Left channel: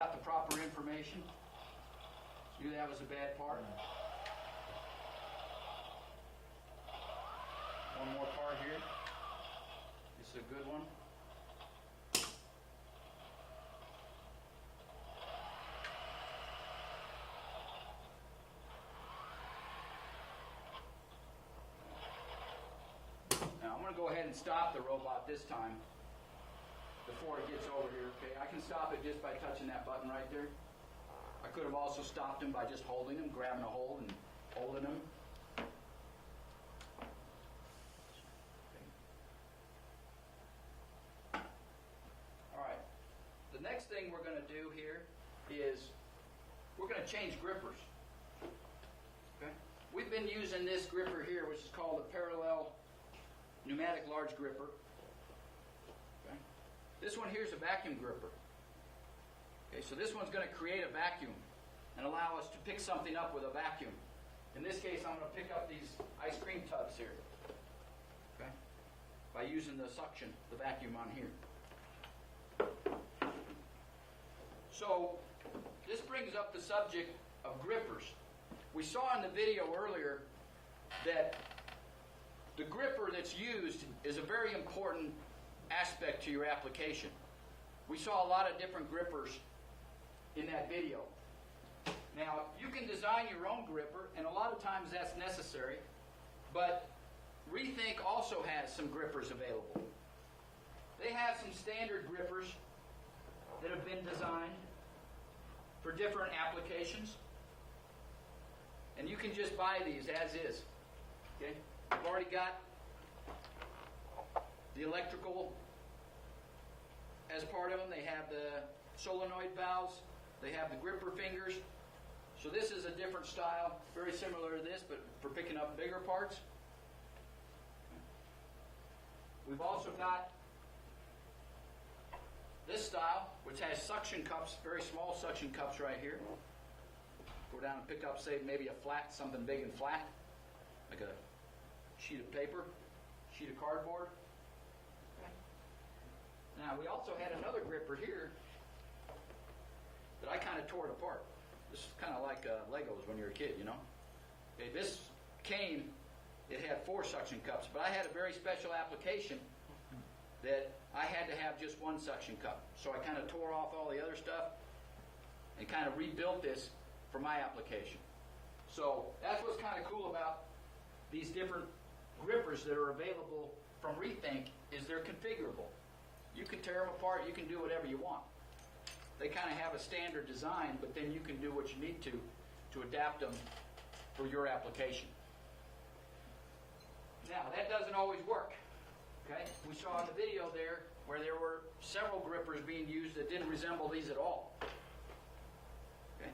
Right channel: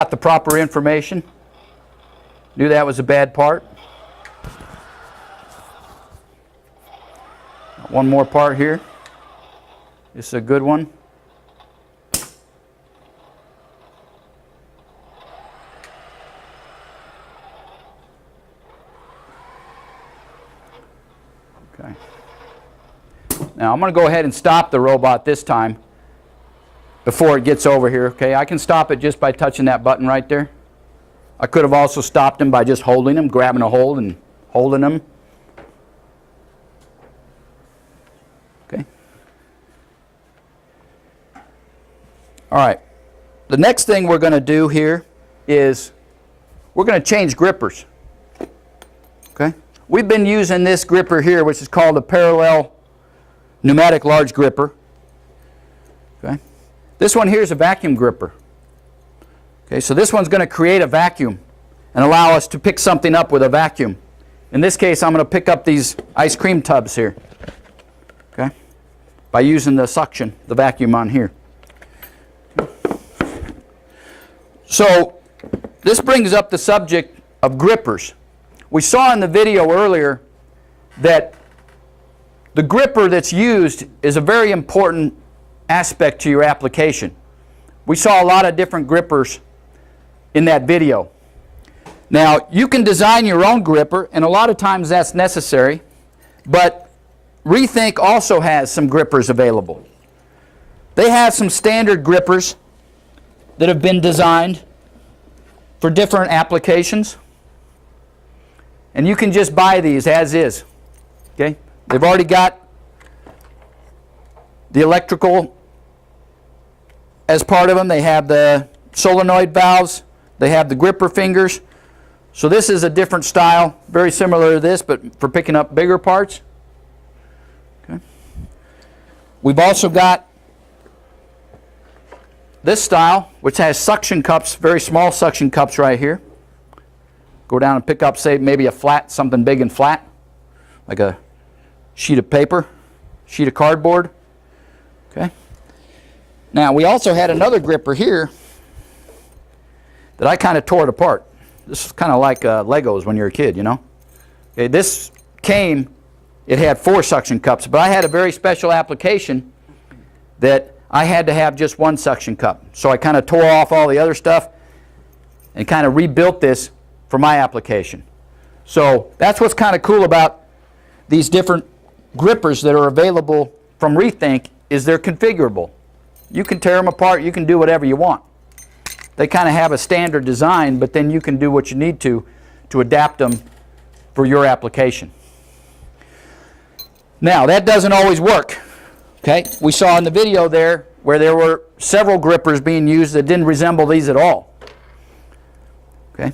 got the proper information. Knew that was a bad part. One more part here. This is a good one. Okay. Now I'm going to go ahead and stop the robot this time before it gets over here. Okay, I can stop it just by touching that button right there. I could have also stopped him by just holding him, grabbing a hold and holding him. Okay. All right. The next thing we're going to do here is we're going to change grippers. Okay. We've been using this gripper here, which is called a parallel pneumatic large gripper. Okay. This one here is a vacuum gripper. Okay, so this one's going to create a vacuum and allow us to pick something up with a vacuum. In this case, I'm going to pick up these ice cream tubs here, okay, by using the suction, the vacuum on here. So this brings up the subject of grippers. We saw in the video earlier that the gripper that's used is a very important aspect to your application. We saw a lot of different grippers in that video. Now, you can design your own gripper, and a lot of times that's necessary, but Rethink also has some grippers available. They have some standard grippers that have been designed for different applications, and you can just buy these as is. Okay? They've already got the electrical as part of them. They have the solenoid valves. They have the gripper fingers. So this is a different style, very similar to this, but for picking up bigger parts. Okay. We've also got this style, which has suction cups, very small suction cups right here. Go down and pick up, say, maybe a flat, something big and flat, like a sheet of paper, sheet of cardboard. Okay. Now, we also had another gripper here that I kind of tore it apart. This is kind of like Legos when you're a kid, you know. Okay, this came, it had 4 suction cups, but I had a very special application that I had to have just 1 suction cup. So I kind of tore off all the other stuff and kind of rebuilt this for my application. So that's what's kind of cool about these different grippers that are available from Rethink, is they're configurable. You can tear them apart, you can do whatever you want. They kind of have a standard design, but then you can do what you need to adapt them for your application. Now, that doesn't always work. Okay? We saw in the video there where there were several grippers being used that didn't resemble these at all. Okay?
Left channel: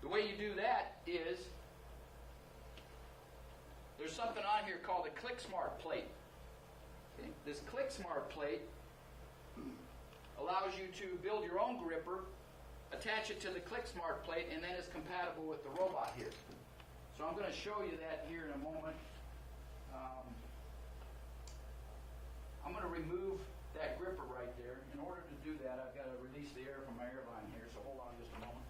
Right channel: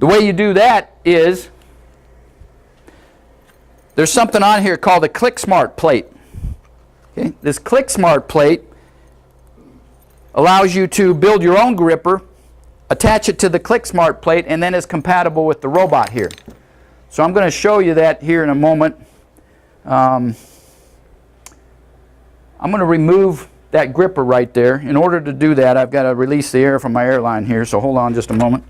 The way you do that is there's something on here called a ClickSmart plate. Okay? This ClickSmart plate allows you to build your own gripper, attach it to the ClickSmart plate, and then it's compatible with the robot here. So I'm going to show you that here in a moment. I'm going to remove that gripper right there. In order to do that, I've got to release the air from my airline here, so hold on just a moment.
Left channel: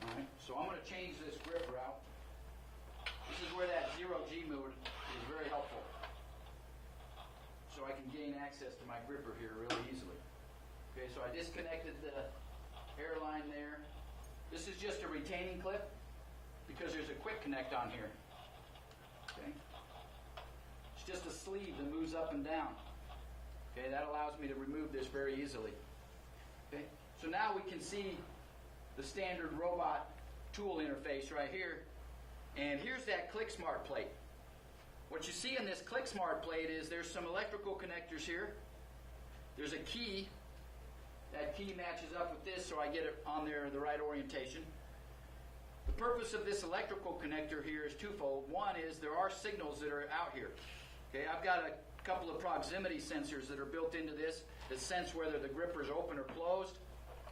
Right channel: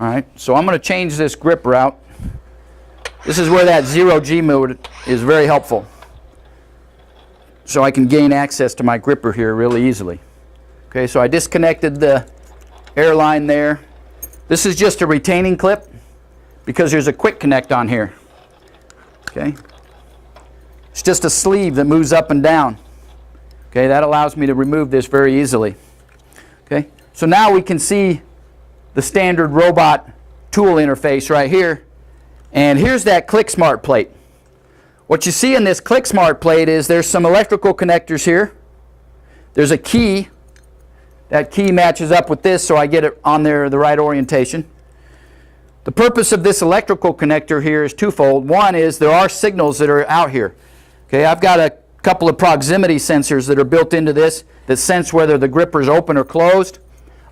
All right, so I'm going to change this gripper out. This is where that 0G mode is very helpful. So I can gain access to my gripper here really easily. Okay, so I disconnected the airline there. This is just a retaining clip because there's a quick connect on here. Okay, it's just a sleeve that moves up and down. Okay, that allows me to remove this very easily. Okay, so now we can see the standard robot tool interface right here. And here's that ClickSmart plate. What you see in this ClickSmart plate is there's some electrical connectors here. There's a key. That key matches up with this, so I get it on there the right orientation. The purpose of this electrical connector here is twofold. One is there are signals that are out here. Okay, I've got a couple of proximity sensors that are built into this that sense whether the gripper is open or closed.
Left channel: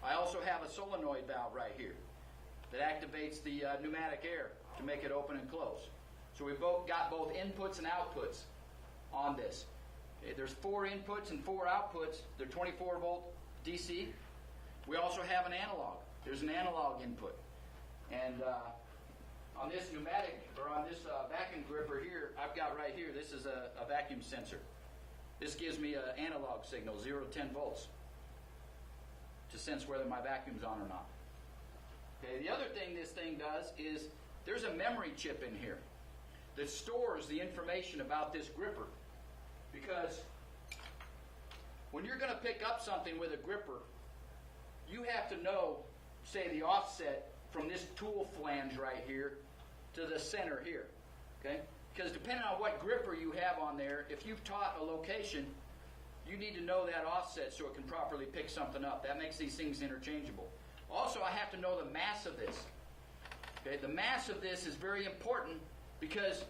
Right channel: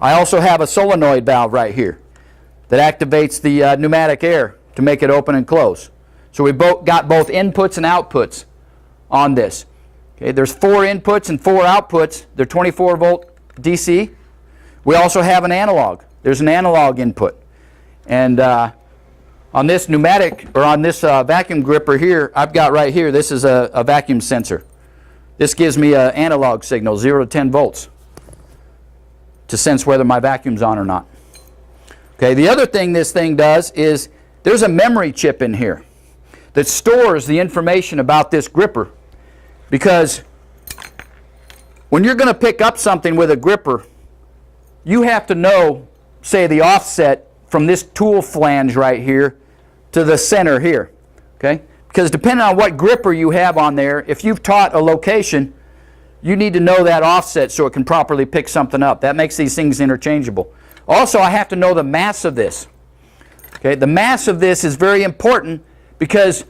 I also have a solenoid valve right here that activates the pneumatic air to make it open and close. So we've got both inputs and outputs on this. Okay, there's 4 inputs and 4 outputs. They're 24 volt DC. We also have an analog. There's an analog input. And on this pneumatic, or on this vacuum gripper here, I've got right here, this is a vacuum sensor. This gives me an analog signal, 0 to 10 volts, to sense whether my vacuum's on or not. Okay, the other thing this thing does is there's a memory chip in here that stores the information about this gripper, because when you're going to pick up something with a gripper, you have to know, say, the offset from this tool flange right here to the center here, okay? Because depending on what gripper you have on there, if you've taught a location, you need to know that offset so it can properly pick something up. That makes these things interchangeable. Also, I have to know the mass of this. Okay, the mass of this is very important because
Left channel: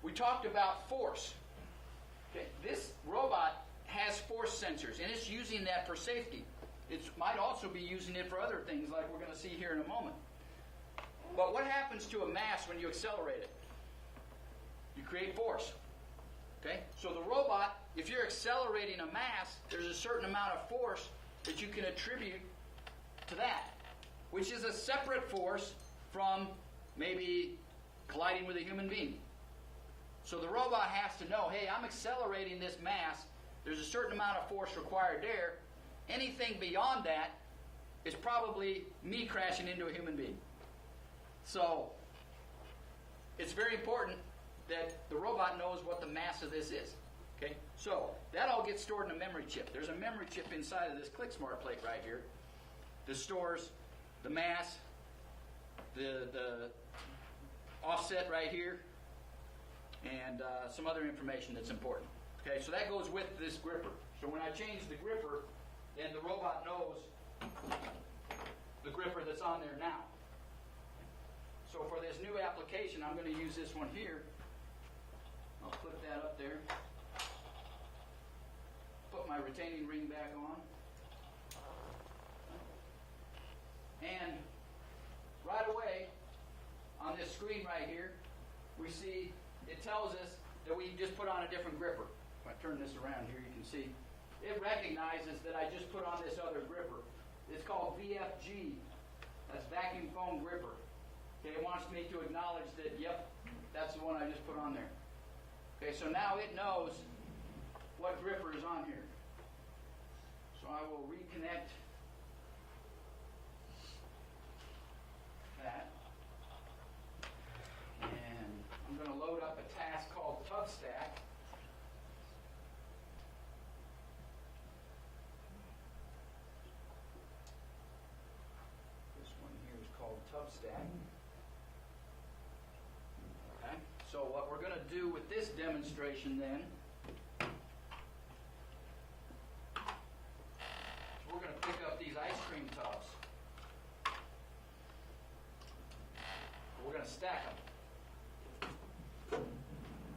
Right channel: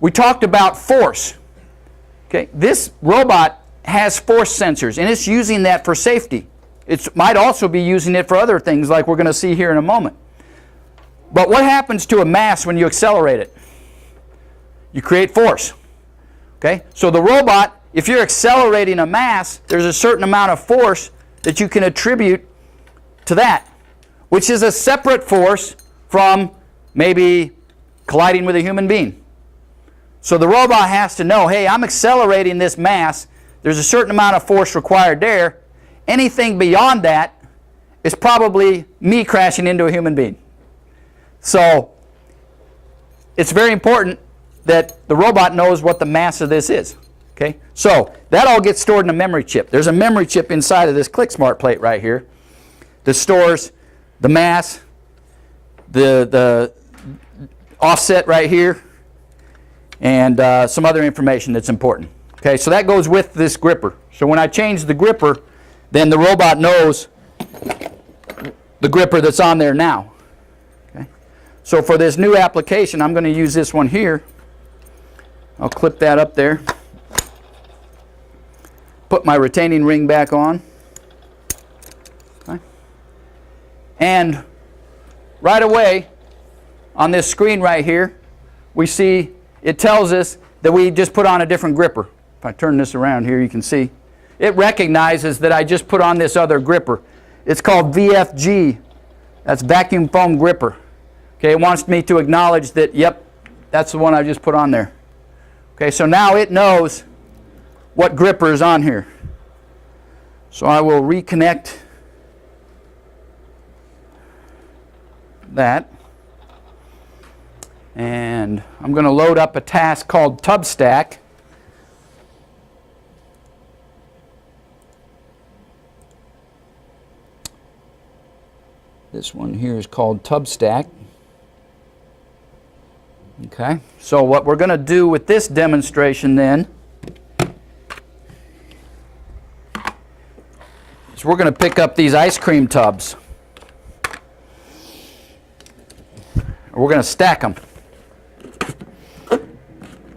we talked about force. Okay, this robot has force sensors, and it's using that for safety. It might also be using it for other things like we're going to see here in a moment. But what happens to a mass when you accelerate it? You create force. Okay? So the robot, if you're accelerating a mass, there's a certain amount of force that you can attribute to that, which is a separate force from maybe colliding with a human being. So the robot has to know, hey, I'm accelerating this mass. There's a certain amount of force required there. Anything beyond that is probably me crashing into a human being. So it's very important that the robot knows what the mass of this is. Okay? So that all gets stored in a memory chip. There's a memory chip inside of this ClickSmart plate right here that stores the mass, the offset right here, and some other information that's important. Okay, so that goes with this gripper. So when I change the gripper, then the robot knows the gripper that's on there now. Okay? So for this new application, I'm going to use this one here. I'll clip that up there. Put my retaining ring back on. Okay. And right away, on this screen right here, we see it tells us that we just put on a different gripper. If I turn this around here, you can see. It recognizes that I just put on this other gripper. It's called VFG. That's vacuum foam gripper. Okay, it wants me to acknowledge that, yep, that's the one I just put on there. Okay, so now it knows what gripper is on here. So I will reconnect that. And I'm going to load up a task called Tub Stack. This one here is called Tub Stack. Okay, so what we're going to do with this demonstration then is we're going to pick up these ice cream tubs. We're going to stack them.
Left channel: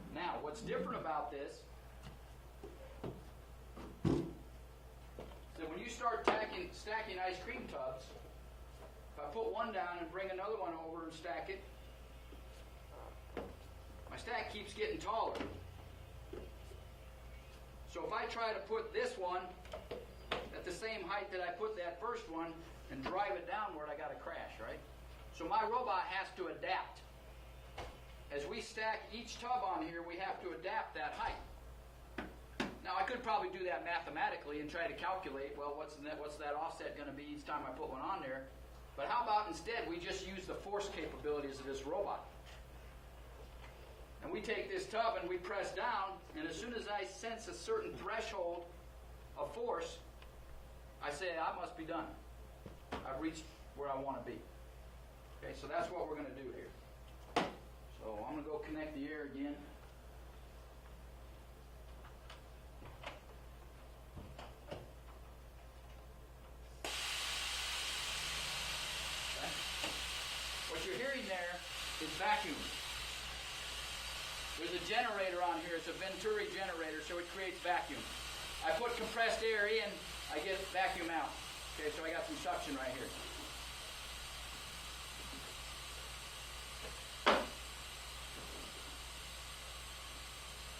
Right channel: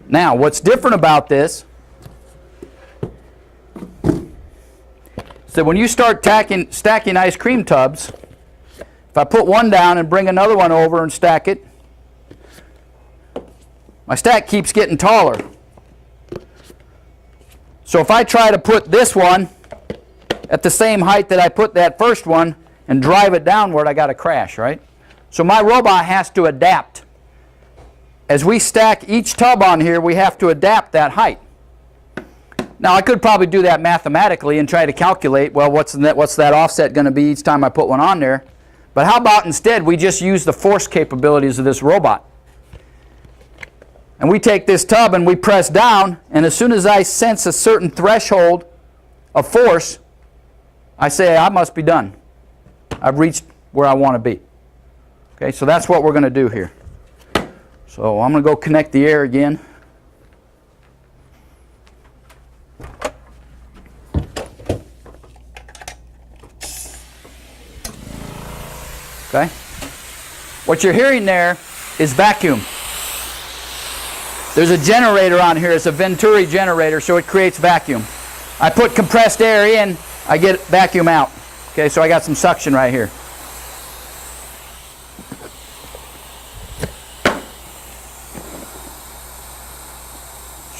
Now, what's different about this is that when you start stacking ice cream tubs, if I put one down and bring another one over and stack it, my stack keeps getting taller. So if I try to put this one at the same height that I put that first one and drive it downward, I got to crash, right? So my robot has to adapt. As we stack each tub on here, we have to adapt that height. Now, I could probably do that mathematically and try to calculate, well, what's that offset going to be each time I put one on there? But how about instead we just use the force capabilities of this robot? And we take this tub and we press down, and as soon as I sense a certain threshold of force, I say, I must be done. I've reached where I want to be. Okay, so that's what we're going to do here. So I'm going to go connect the air again. Okay. What you're hearing there is vacuum. There's a generator on here. It's a Venturi generator, so it creates vacuum. I put compressed air in, I get vacuum out. Okay, so I got some suction right here.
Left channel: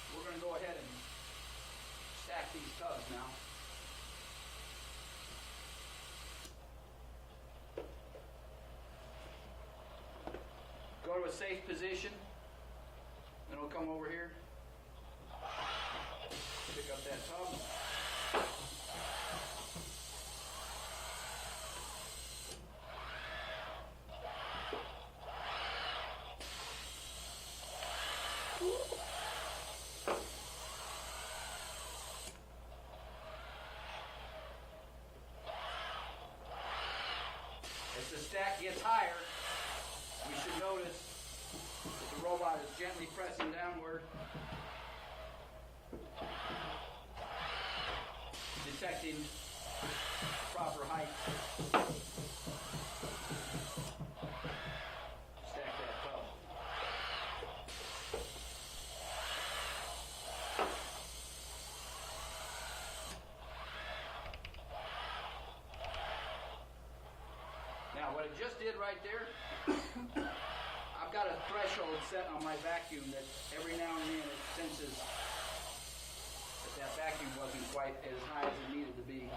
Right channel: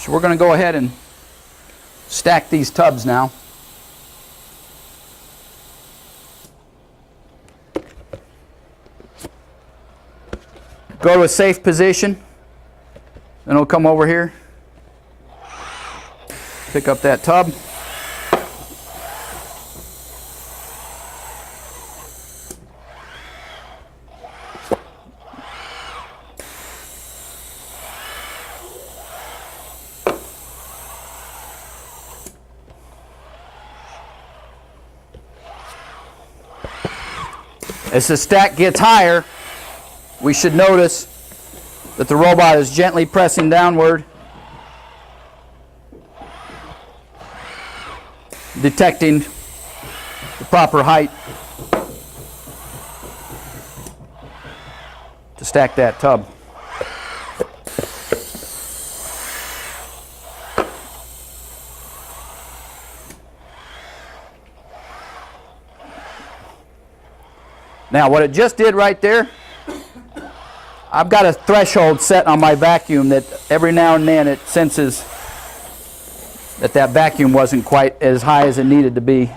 So we're going to go ahead and stack these tubs now. Go to a safe position. Then we'll come over here. Pick up that tub. As the stack gets higher, we should notice that the robot is gently pressing downward, detecting the proper height to stack that tub. Now, what it just did right there, I've got a threshold set on my vacuum that every now and then it senses that that vacuum wasn't quite as high as it needed to be.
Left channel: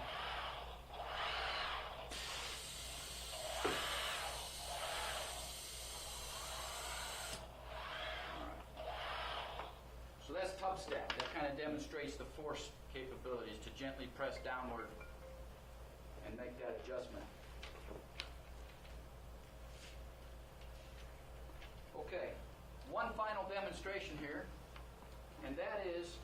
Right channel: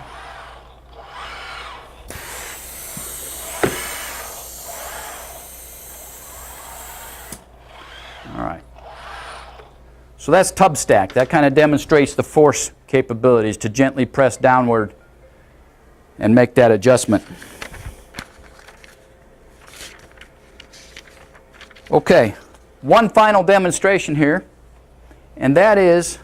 All right. So that's tub stack. That kind of demonstrates the force capabilities to gently press downward and make that adjustment. Okay, one final demonstration here, and that is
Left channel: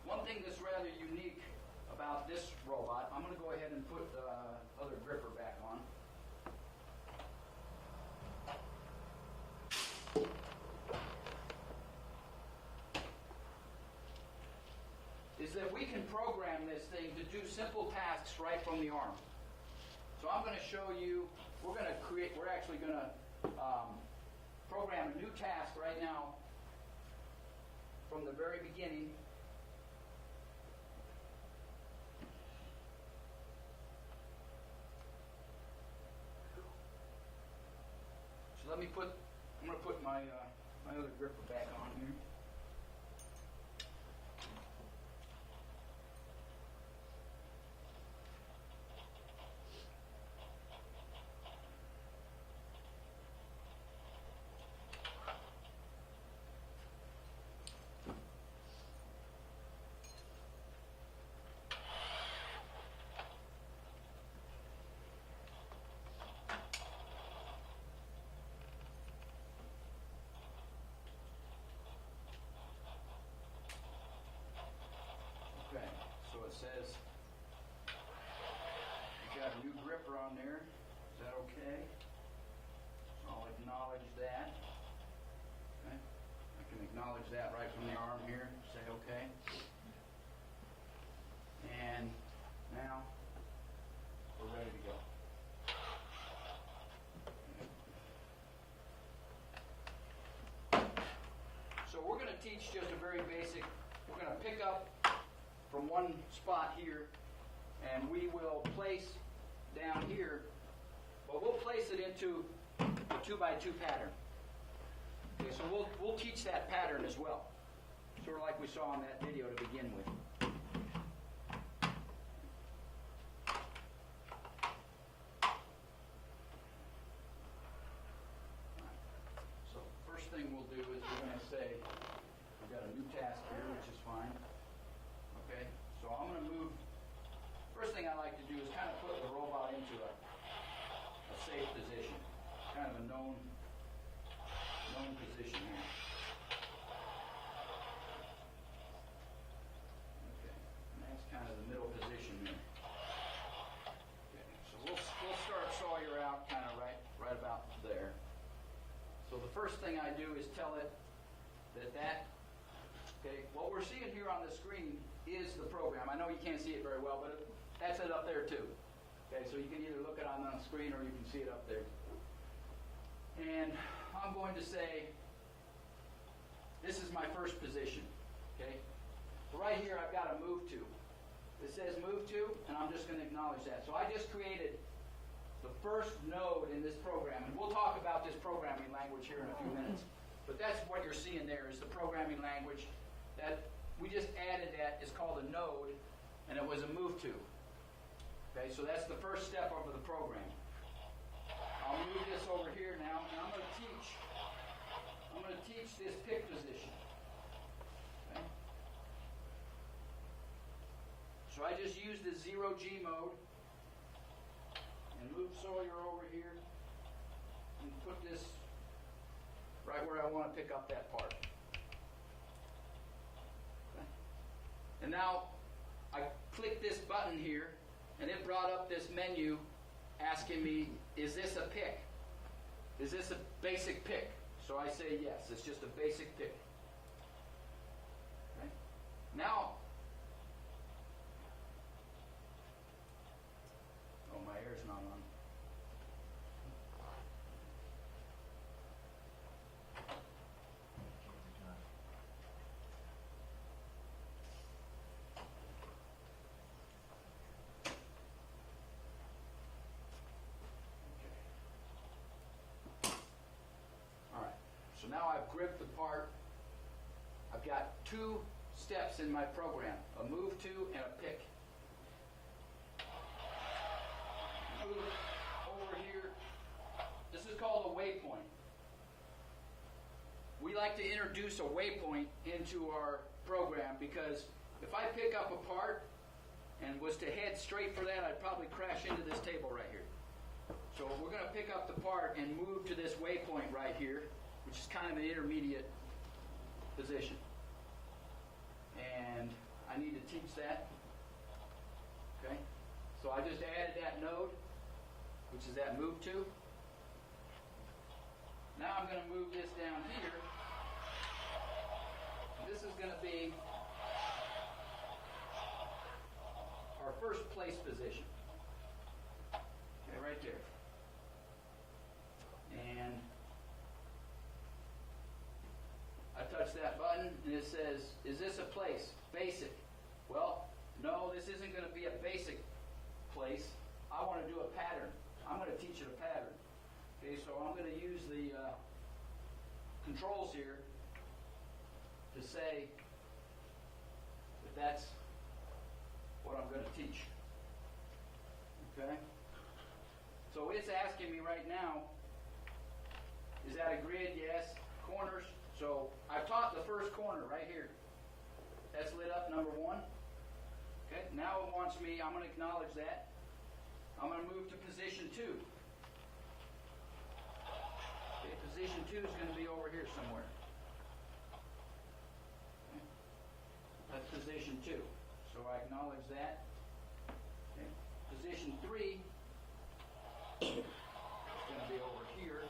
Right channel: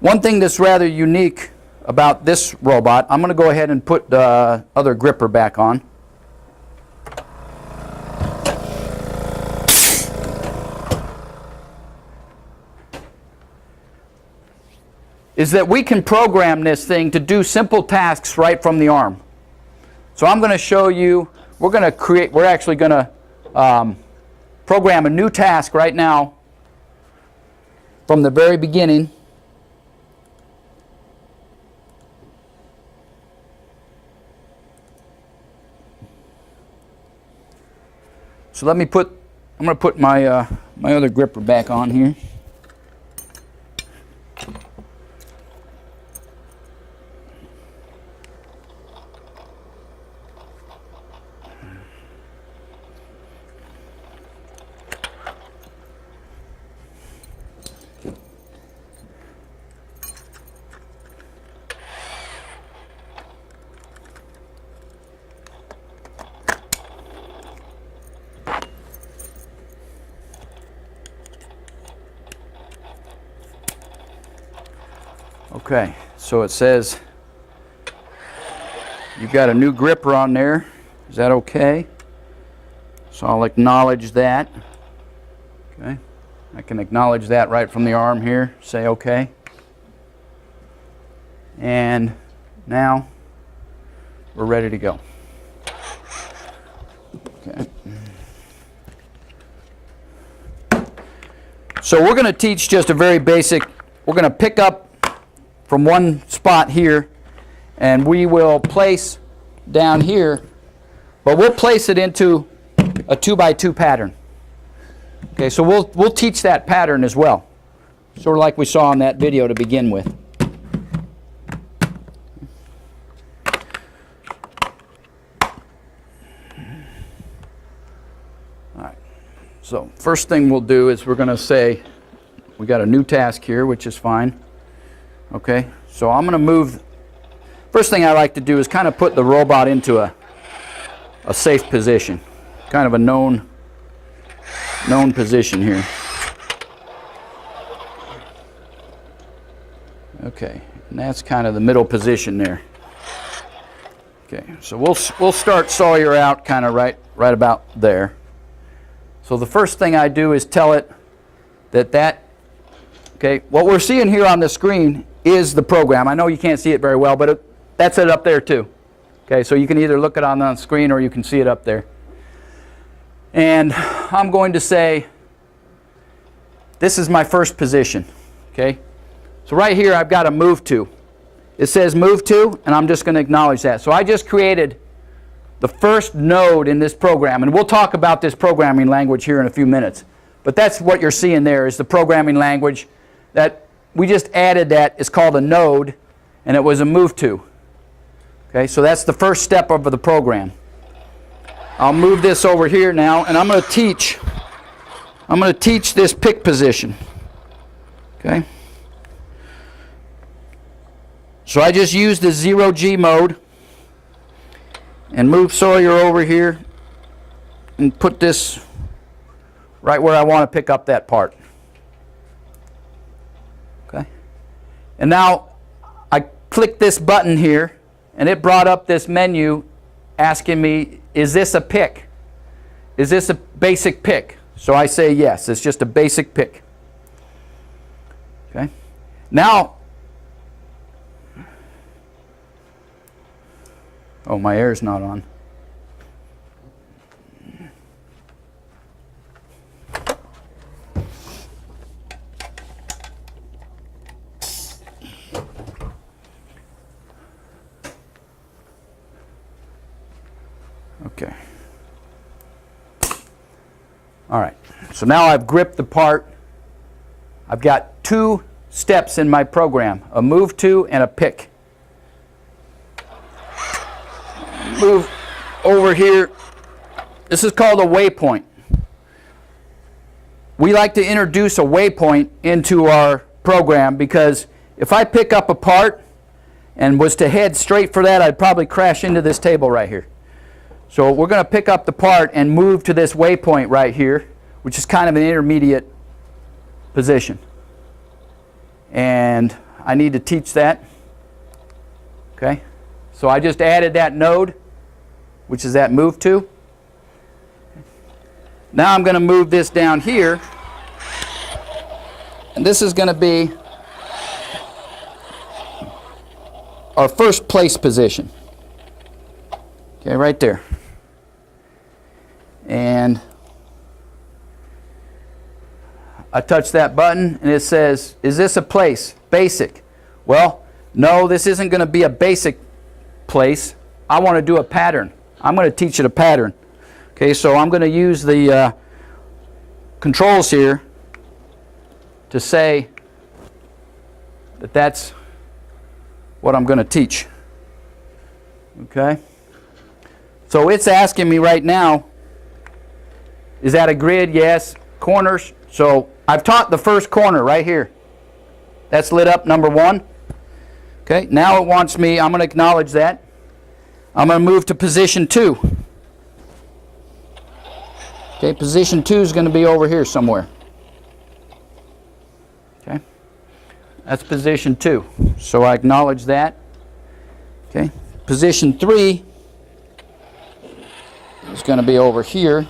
one thing that's rather unique about this robot. I'm going to go ahead and put the other gripper back on. Is that we can program this thing to do simple tasks right from the arm. So I'm going to show you, we're actually going to program a new task right now from the very beginning. So I'm going to put my my other gripper back on here. Okay, so it says you've got a new gripper on there. Is that okay? So I'll acknowledge that. Okay, I can acknowledge that right from the arm here. Say okay. And now we're ready to go. Okay. So we're going to teach just a very basic, we're going to pick up from one spot here, and we will place down here, but we'll place it into a 2x2 pattern. Okay, so we'll teach that pattern as well, sort of like we saw in that video to begin with. All right, so first thing we'll do is we're going to say we got a new task here, which is fine. Okay, so I'm going to move. First thing I like to do is kind of put the robot into a safe position, kind of a known position here. Okay, and that's kind of the middle position there. Okay, so we'll start Sawyer out kind of right about there. So the first thing I do is tell it that okay, what we're seeing here on the screen is the program. I know you can't see it very well, but that's it up there too. Okay, so you can either look it on the screen or you can see it up there. And I'm going to say, this is my first position. Okay, so right here I've got a move to. It says move to, and I'm just going to acknowledge that. So I just created the first node in this program, and we'll talk about this programming language here in a few minutes. But that's what you're seeing there is the programming language that we just added. That is called a node, and it was a move to. Okay, so that's the first step of the program. I'll move this over here now, and I'm going to teach this pick position. Okay. So I just used the 0G mode and move Sawyer over here and put this right where I want to pick up that part. Okay. And now I click this button here, and it brought up this menu asking me, is this a pick? Is this a basic pick? So I say yes, it's just a basic pick. Okay. Now, oh, my air's not on. Okay. All right. So now I've gripped the part. I've got two steps in my program, a move to and a pick. Move over here. This is called a waypoint. We like to introduce a waypoint into our program because if I pick up a part and was to head straight for that, I'd probably crash into this table right here. So we're going to pick up the part and move to this waypoint right here, which is kind of an intermediate position. And I need to teach that. Okay. So I just added that node, which is that move to. Now I'm going to move this down here, and this is going to be our first place position. Okay, right there. And I touch that button and it says, is this a place? Basic. Well, no, this isn't going to be a basic place. I want to do a pattern. I'm going to teach it a pattern. Okay, so I'm going to use the controls here to say that that's what I'm going to teach. Okay? So it's asking me right now, is that a grid? Yes. Corners. So I've taught the first corner right here. That's lit up, number 1. Okay, now it wants me, I'm going to acknowledge that. I'm going to move to position 2. Okay, position 2 is going to be over here somewhere. Okay, that's position 2. So I acknowledge that. Okay, position 3 is going to be over here.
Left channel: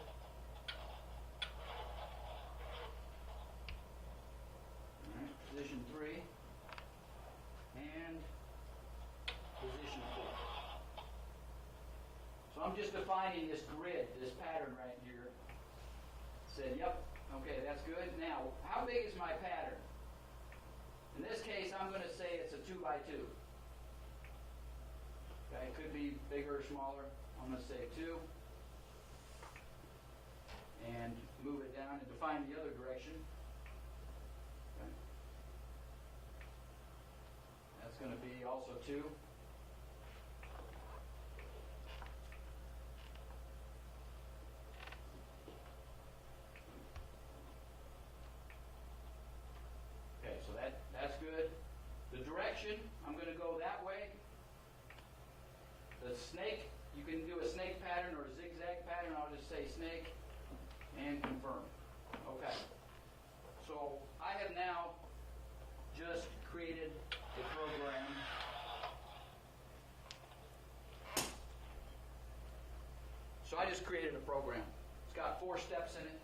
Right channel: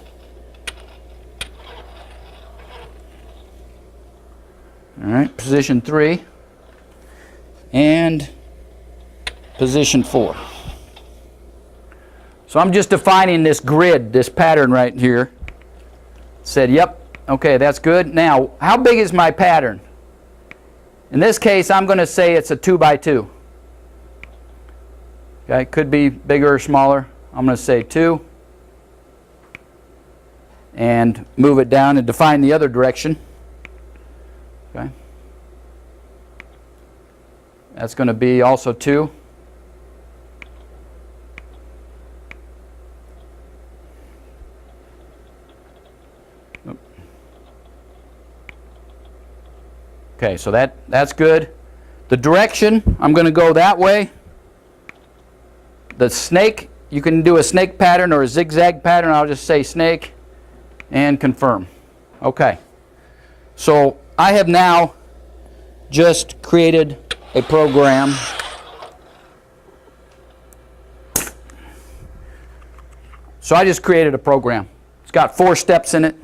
All right, position 3 and position 4. So I'm just defining this grid, this pattern right here. Said, yep, okay, that's good. Now, how big is my pattern? In this case, I'm going to say it's a 2 by 2. Okay, could be bigger or smaller. I'm going to say 2 and move it down and define the other direction. Okay. That's going to be also 2. Okay, so that's good. The direction, I'm going to go that way. The snake, you can do a snake pattern or a zigzag pattern. I'll just say snake and confirm. Okay. So I have now just created a program So I just created a program. It's got 4 steps in it.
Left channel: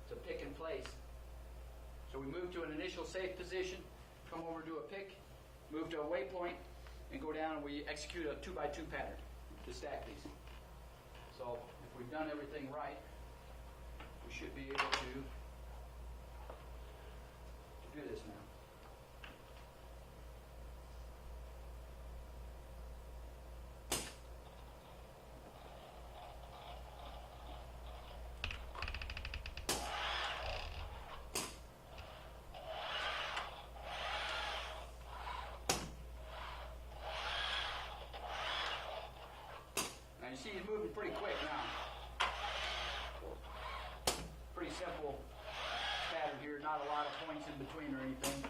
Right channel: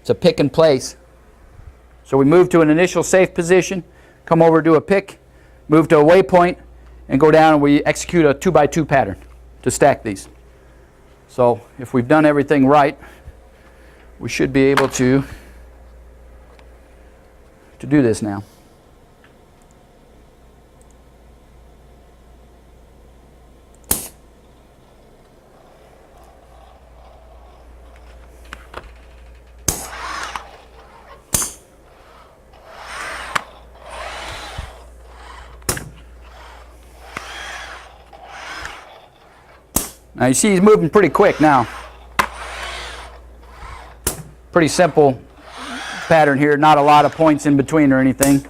It's a pick and place. So we move to an initial safe position, come over, do a pick, move to a waypoint, and go down and we execute a 2x2 pattern to stack these. So if we've done everything right, we should be able to do this now. Now you see he's moving pretty quick now. Pretty simple pattern here, not a lot of points in between or anything.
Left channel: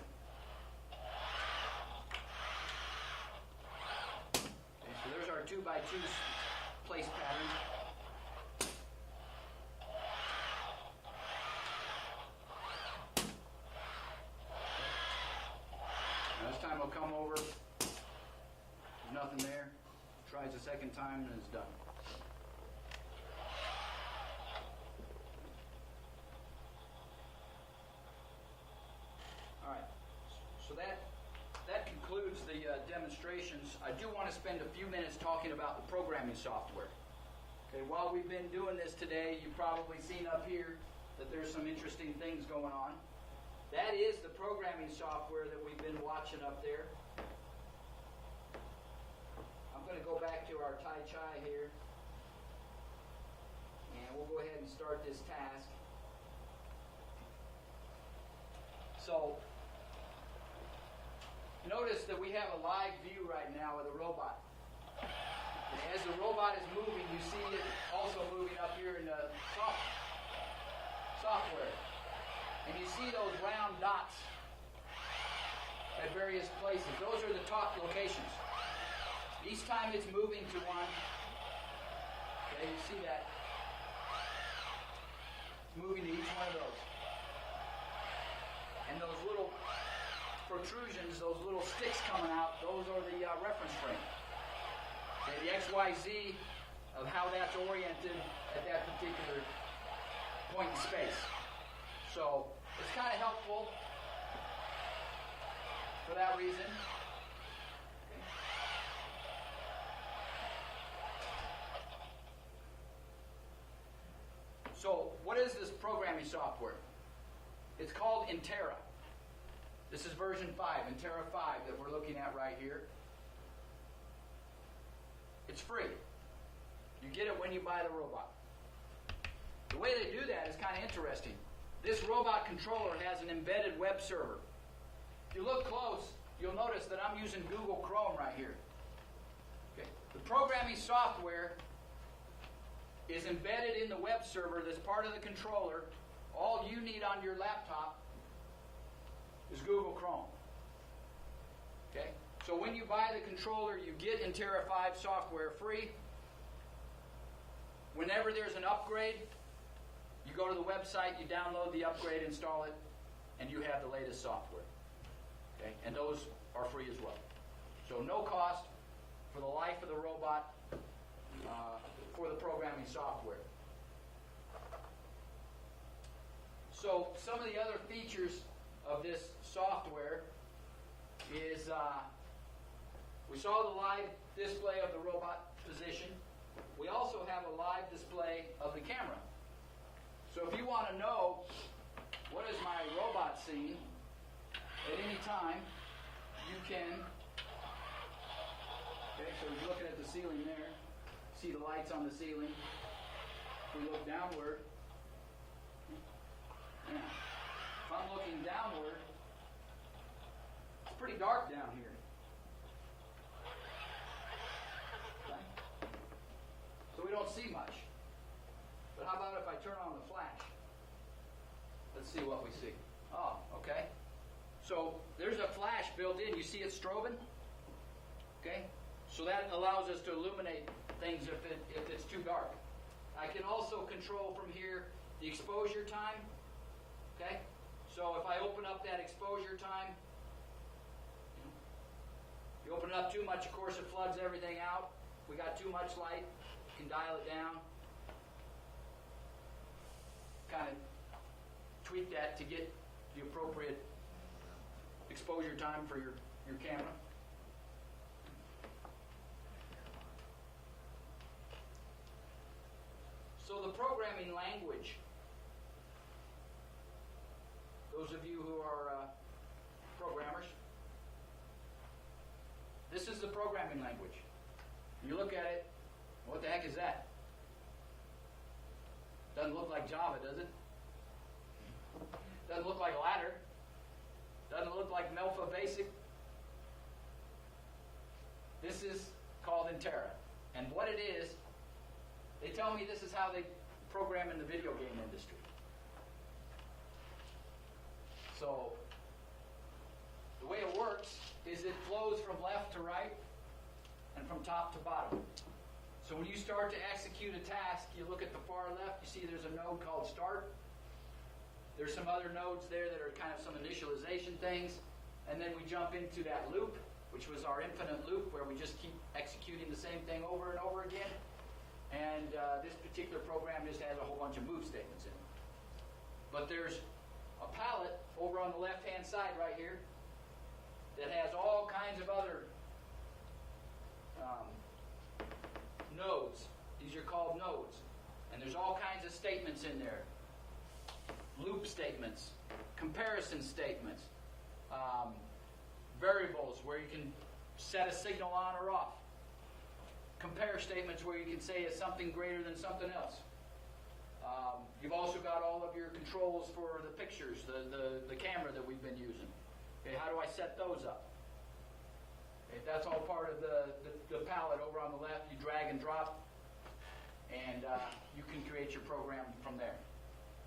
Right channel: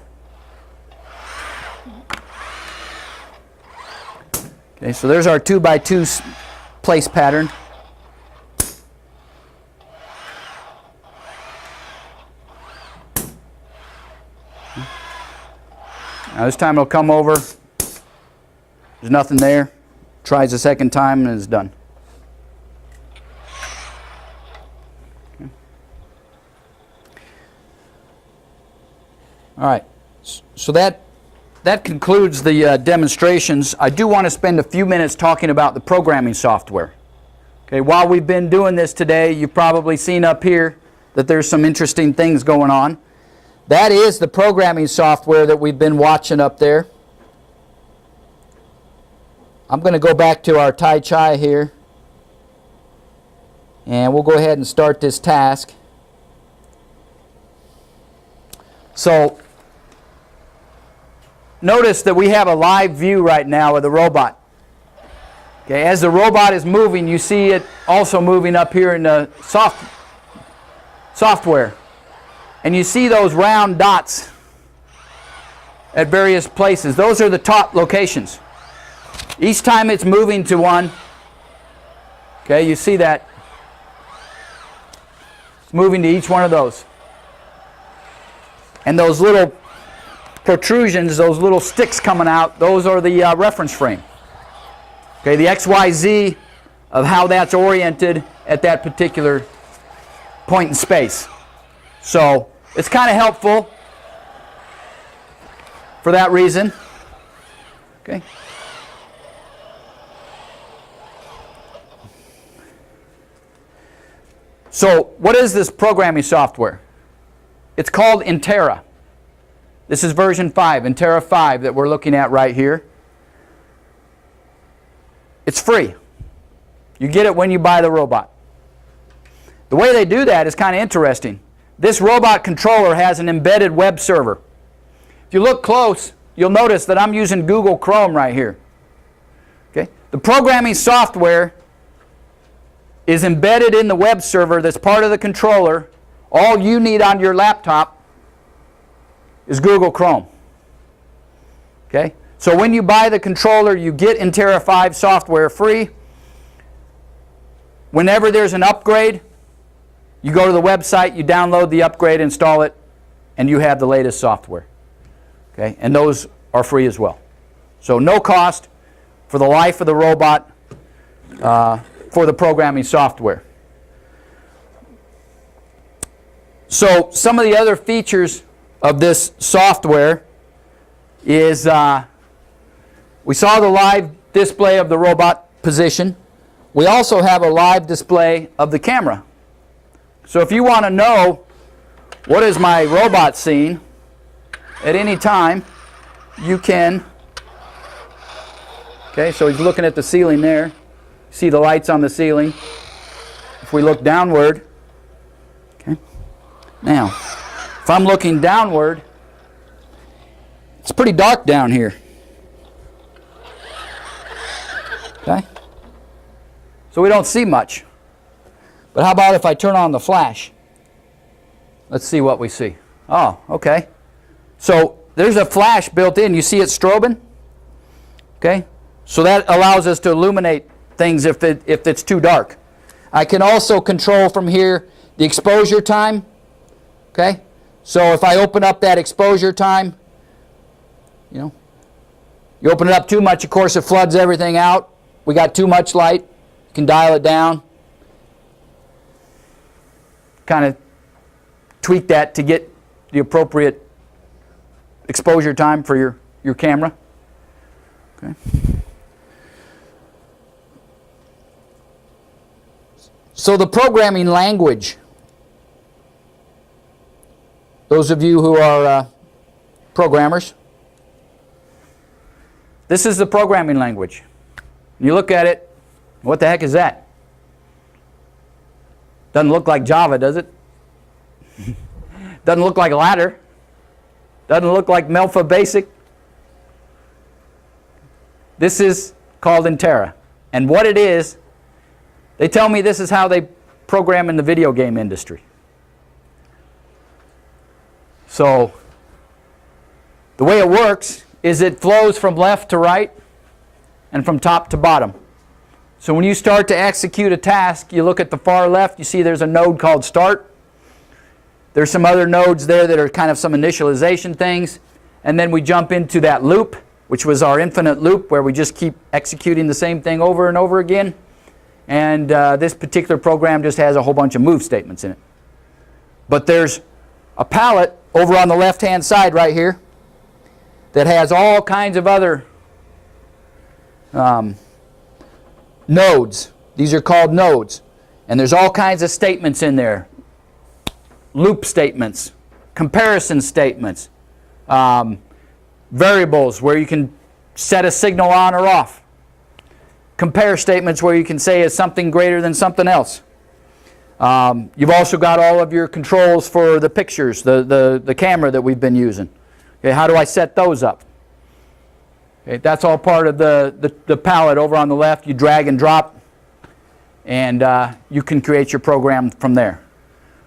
Okay, so there's our 2x2 place pattern. Now this time it'll come over. There's nothing there. Tries a second time and it's done. Okay. All right, so that concludes the demonstrations. I do want to spend a few minutes talking about the programming software. Okay, while we've been doing this today, you've probably seen up here that there's some interesting things going on. That is the programming software that we've been watching up there. I'm going to go back to our Tai Chi here, and we'll go ahead and start this task. So notice that we have a live view right now of the robot. Okay, as the robot is moving, you see it also moving up here in the software. And you see those round dots at various places. Those are the top locations. Each time it's moving to one, okay, you see that. It's moving to each one of those. And those little protrusions, those little sticks coming out, those are the reference frame. Okay, the XYZ of how that's oriented at that particular point in space. So it's kind of helpful for that reason. Okay. So what is this programming software? It's called Intera. This is version 5, Intera 5 that we're looking at right here. It's free. You get it when you buy the robot. The way they do that is kind of interesting. This robot controller has an embedded web server. If you look close, you'll notice that I'm using Google Chrome right here. Okay? The programming software is embedded in the web server that's part of the controller. All you need on your laptop is Google Chrome. Okay? So when you buy the controller, you get Intera 5 software free. Whenever there's an upgrade, you go to the website, you download the upgrade, install it, and you have the latest software. Okay? And those are free as well. So no cost for the life of the robot for the programming software. So some of the other features of this software is we saw the live display of the robot position. We also have a live display of the camera. So if you want to know what is my robot seeing at any time, you can. Okay, so he's looking at the ceiling there. See the lights on the ceiling. If we look downward, okay. Now, if I'm looking downward, it's pretty dark down here. Okay? So we don't see much. But how about if I turn on the flash? Let's see what we see. Oh, okay. So there's a flash built in. You see it strobing? Okay? So that allows us to illuminate things if it's too dark. I can also control from here the exposure time. Okay? So if I open up that exposure time, you open it up too much, of course it floods everything out. We got too much light. You can dial it down. Kind of tweak that to get the appropriate exposure time for your camera. Okay. So the programming language, those of you who are programmers, this is the programming language. You look at it, what the heck is that? Doesn't look like Java, does it? Doesn't look like Ladder. Doesn't look like Melfa Basic. This is called Intera. And what it is They tell me this is how they program in the video game industry. So the way it works is it flows from left to right and from top to bottom. So when you start to execute a task, you look at the far left, you see there's a node called start. There's some other nodes there that are kind of some initialization things. And then we jump into that loop, which was our infinite loop, where we just keep executing the same thing over and over again. And this particular program just has a whole bunch of move statements in it. But there's a palette over on the left-hand side right here that has all kinds of other nodes. These are called nodes. And there's all kinds of statements in there. Loop statements, comparison statements, variables where you can set a signal on or off, compare statements where you can say is something greater than something else. You've also got all of your controls for the pictures, the camera that we've been using. Okay, how do I set those up? Okay, that's all part of the palette over on the left. You drag and drop, and you can create your program from there.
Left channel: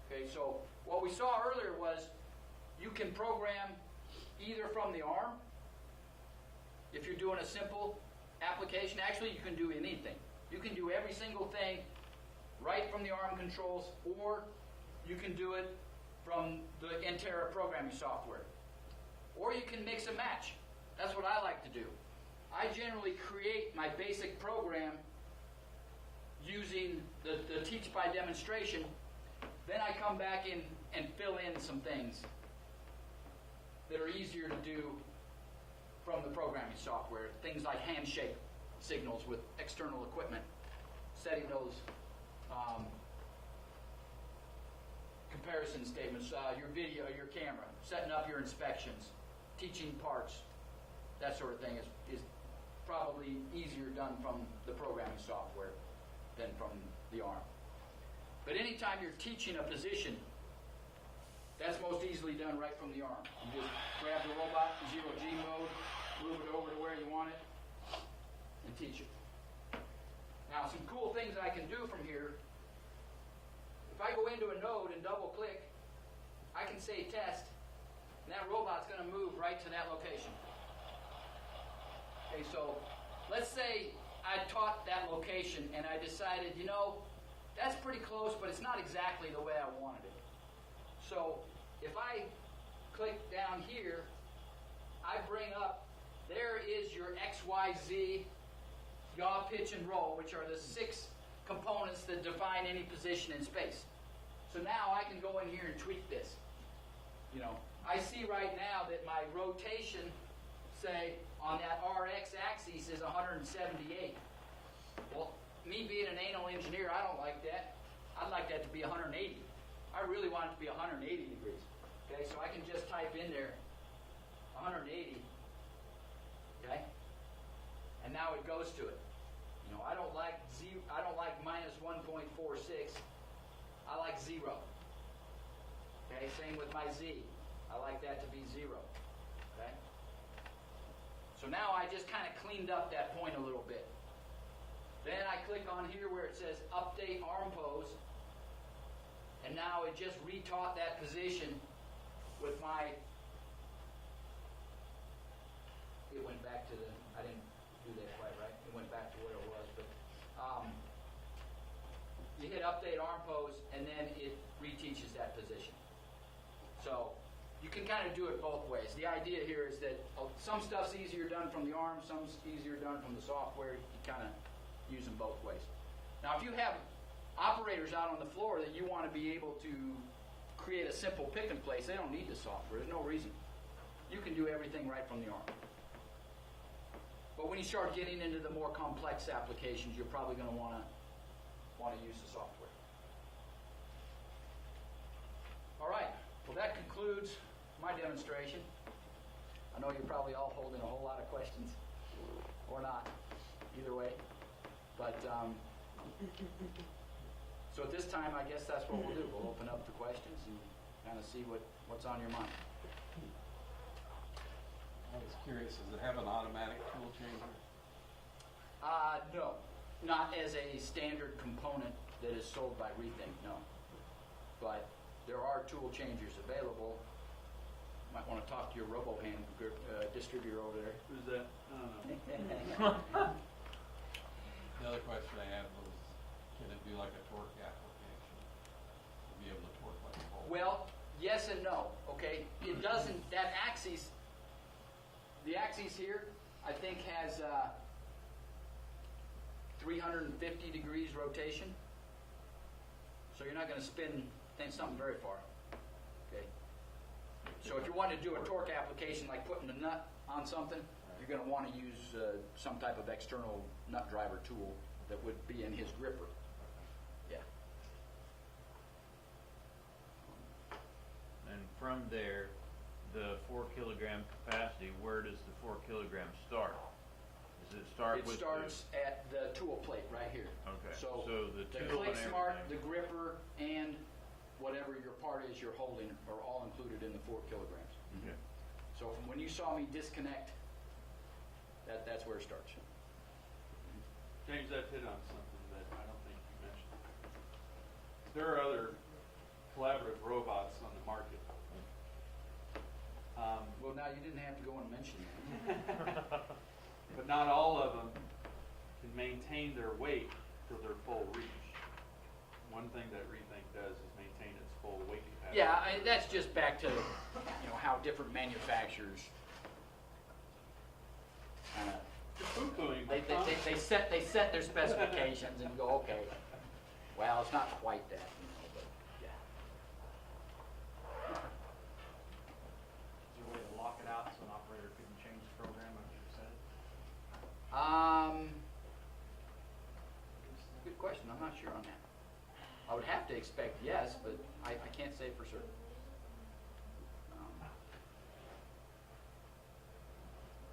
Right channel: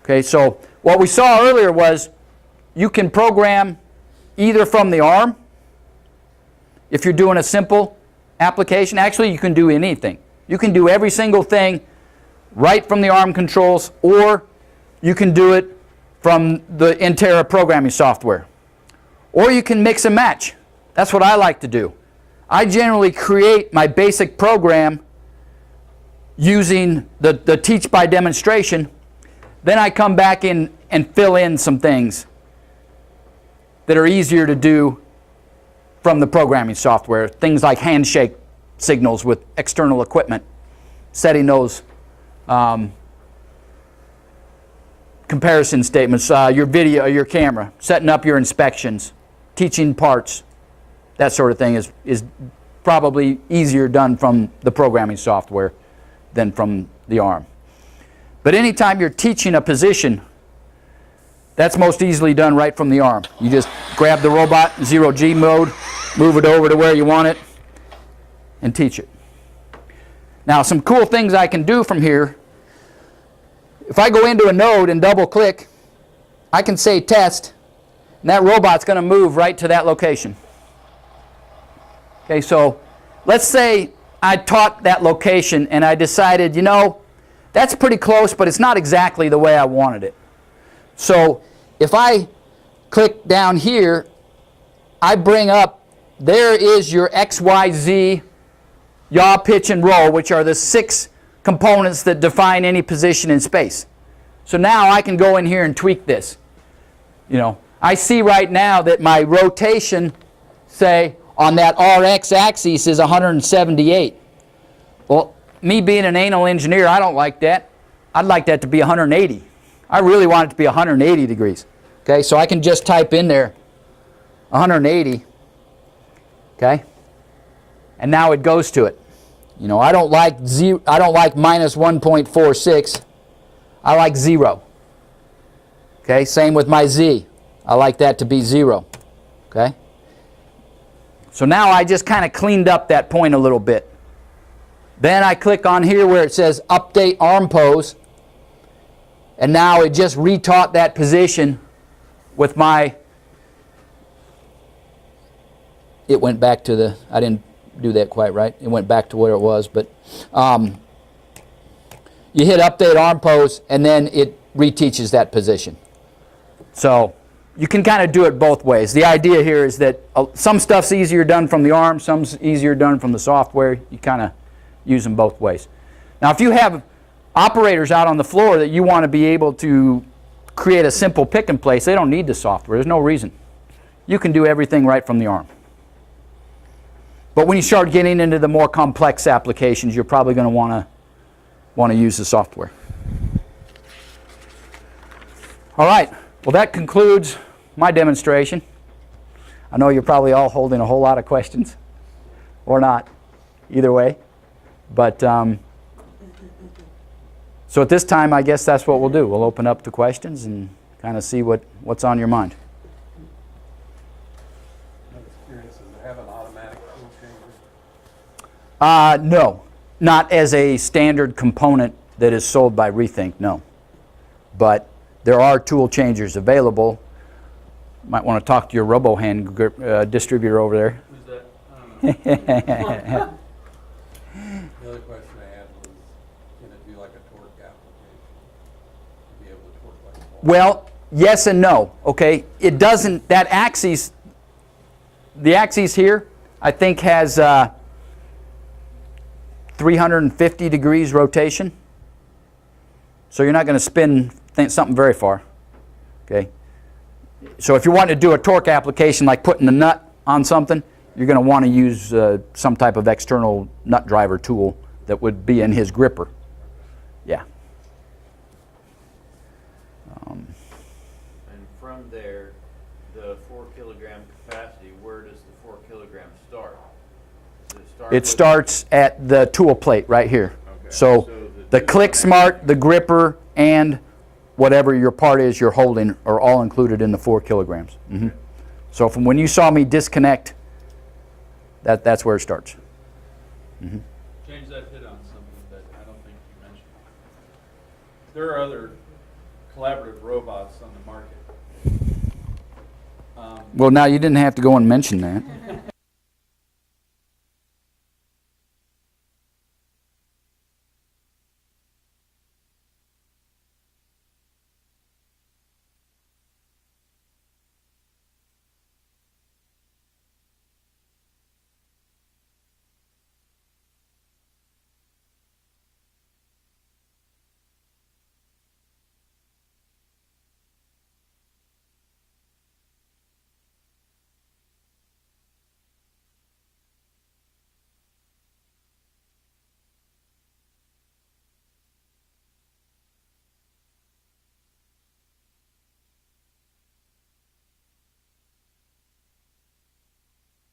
Okay, so what we saw earlier was you can program either from the ARM, if you're doing a simple application. Actually, you can do anything. You can do every single thing right from the ARM controls, or you can do it from the Intera programming software. Or you can mix and match. That's what I like to do. I generally create my basic program using the teach by demonstration. Then I come back in and fill in some things that are easier to do from the programming software. Things like handshake signals with external equipment, setting those comparison statements, your video, your camera, setting up your inspections, teaching parts, that sort of thing is probably easier done from the programming software than from the ARM. But anytime you're teaching a position, that's most easily done right from the ARM. You just grab the robot, 0G mode, move it over to where you want it, and teach it. Now, some cool things I can do from here. If I go into a node and double click, I can say test, and that robot's going to move right to that location. Okay, so let's say I taught that location and I decided, you know, that's pretty close, but it's not exactly the way I wanted it. So if I click down here, I bring up, there is your X, Y, Z, yaw, pitch, and roll, which are the 6 components that define any position in space. So now I can go in here and tweak this. You know, I see right now that my rotation, say, on that RX axis is 178. Well, me being an anal engineer, I don't like that. I'd like that to be 180. I really want it to be 180 degrees. Okay, so I can just type in there 180. Okay, and now it goes to it. You know, I don't like minus 1.46. I like 0. Okay, same with my Z. I like that to be 0. Okay. So now I just kind of cleaned up that point a little bit. Then I click on here where it says update ARM pose, and now it just retaught that position with my, it went back to the, I didn't do that quite right, it went back to where it was, but you hit update ARM pose and then it reteaches that position. So you can kind of do it both ways. The idea here is that some stuff's easier done from the ARM, some's easier done from the software. You kind of use them both ways. Now if you have operators out on the floor that you want to be able to create a simple pick and place, they don't need the software. There's no reason. You can do everything right from the ARM. But when you start getting into the more complex applications, you're probably going to want to use the software. All right. Well, that concludes my demonstration. I know you're probably all holding a whole lot of questions, or not, either way. But so at this time, I guess that's what we'll do. We'll open up to questions and kind of see what's on your mind. I was curious, does it have an automatic tool changer? No. Not as a standard component that is sold by Rethink, no. But there are tool changers available. Might want to talk to your RoboHand grip, distributor over there. Who's that? The other question I had was, can it be like a torque application? To be able to torque like a ball? Well, yes and no, okay? It doesn't, that axis, the axis here, I think has 350 degrees rotation. So you're not going to spin something very far, okay? So if you want to do a torque application like putting a nut on something, you're going to want to use some type of external nut driver tool that would be in his gripper. Yeah. And from there, the 4 kilogram capacity, where does the 4 kilograms start? Does it start It starts at the tool plate right here. Okay. So the two Click Smart, the gripper, and whatever your part is you're holding are all included in the 4 kilograms. Mm-hmm. So from when you saw me disconnect, that's where it starts. Mm-hmm. James, that hit on something that I don't think you mentioned. There are other collaborative robots on the market. Well, now you didn't have to go and mention that. But not all of them can maintain their weight to their full reach. One thing that Rethink does is maintain its full weight capacity. Yeah, that's just back to how different manufacturers they set their specifications and go, okay, well, it's not quite that, but yeah. Is there a way to lock it out so an operator couldn't change the program after you set it? Good question. I'm not sure on that. I would have to expect yes, but I can't say for certain.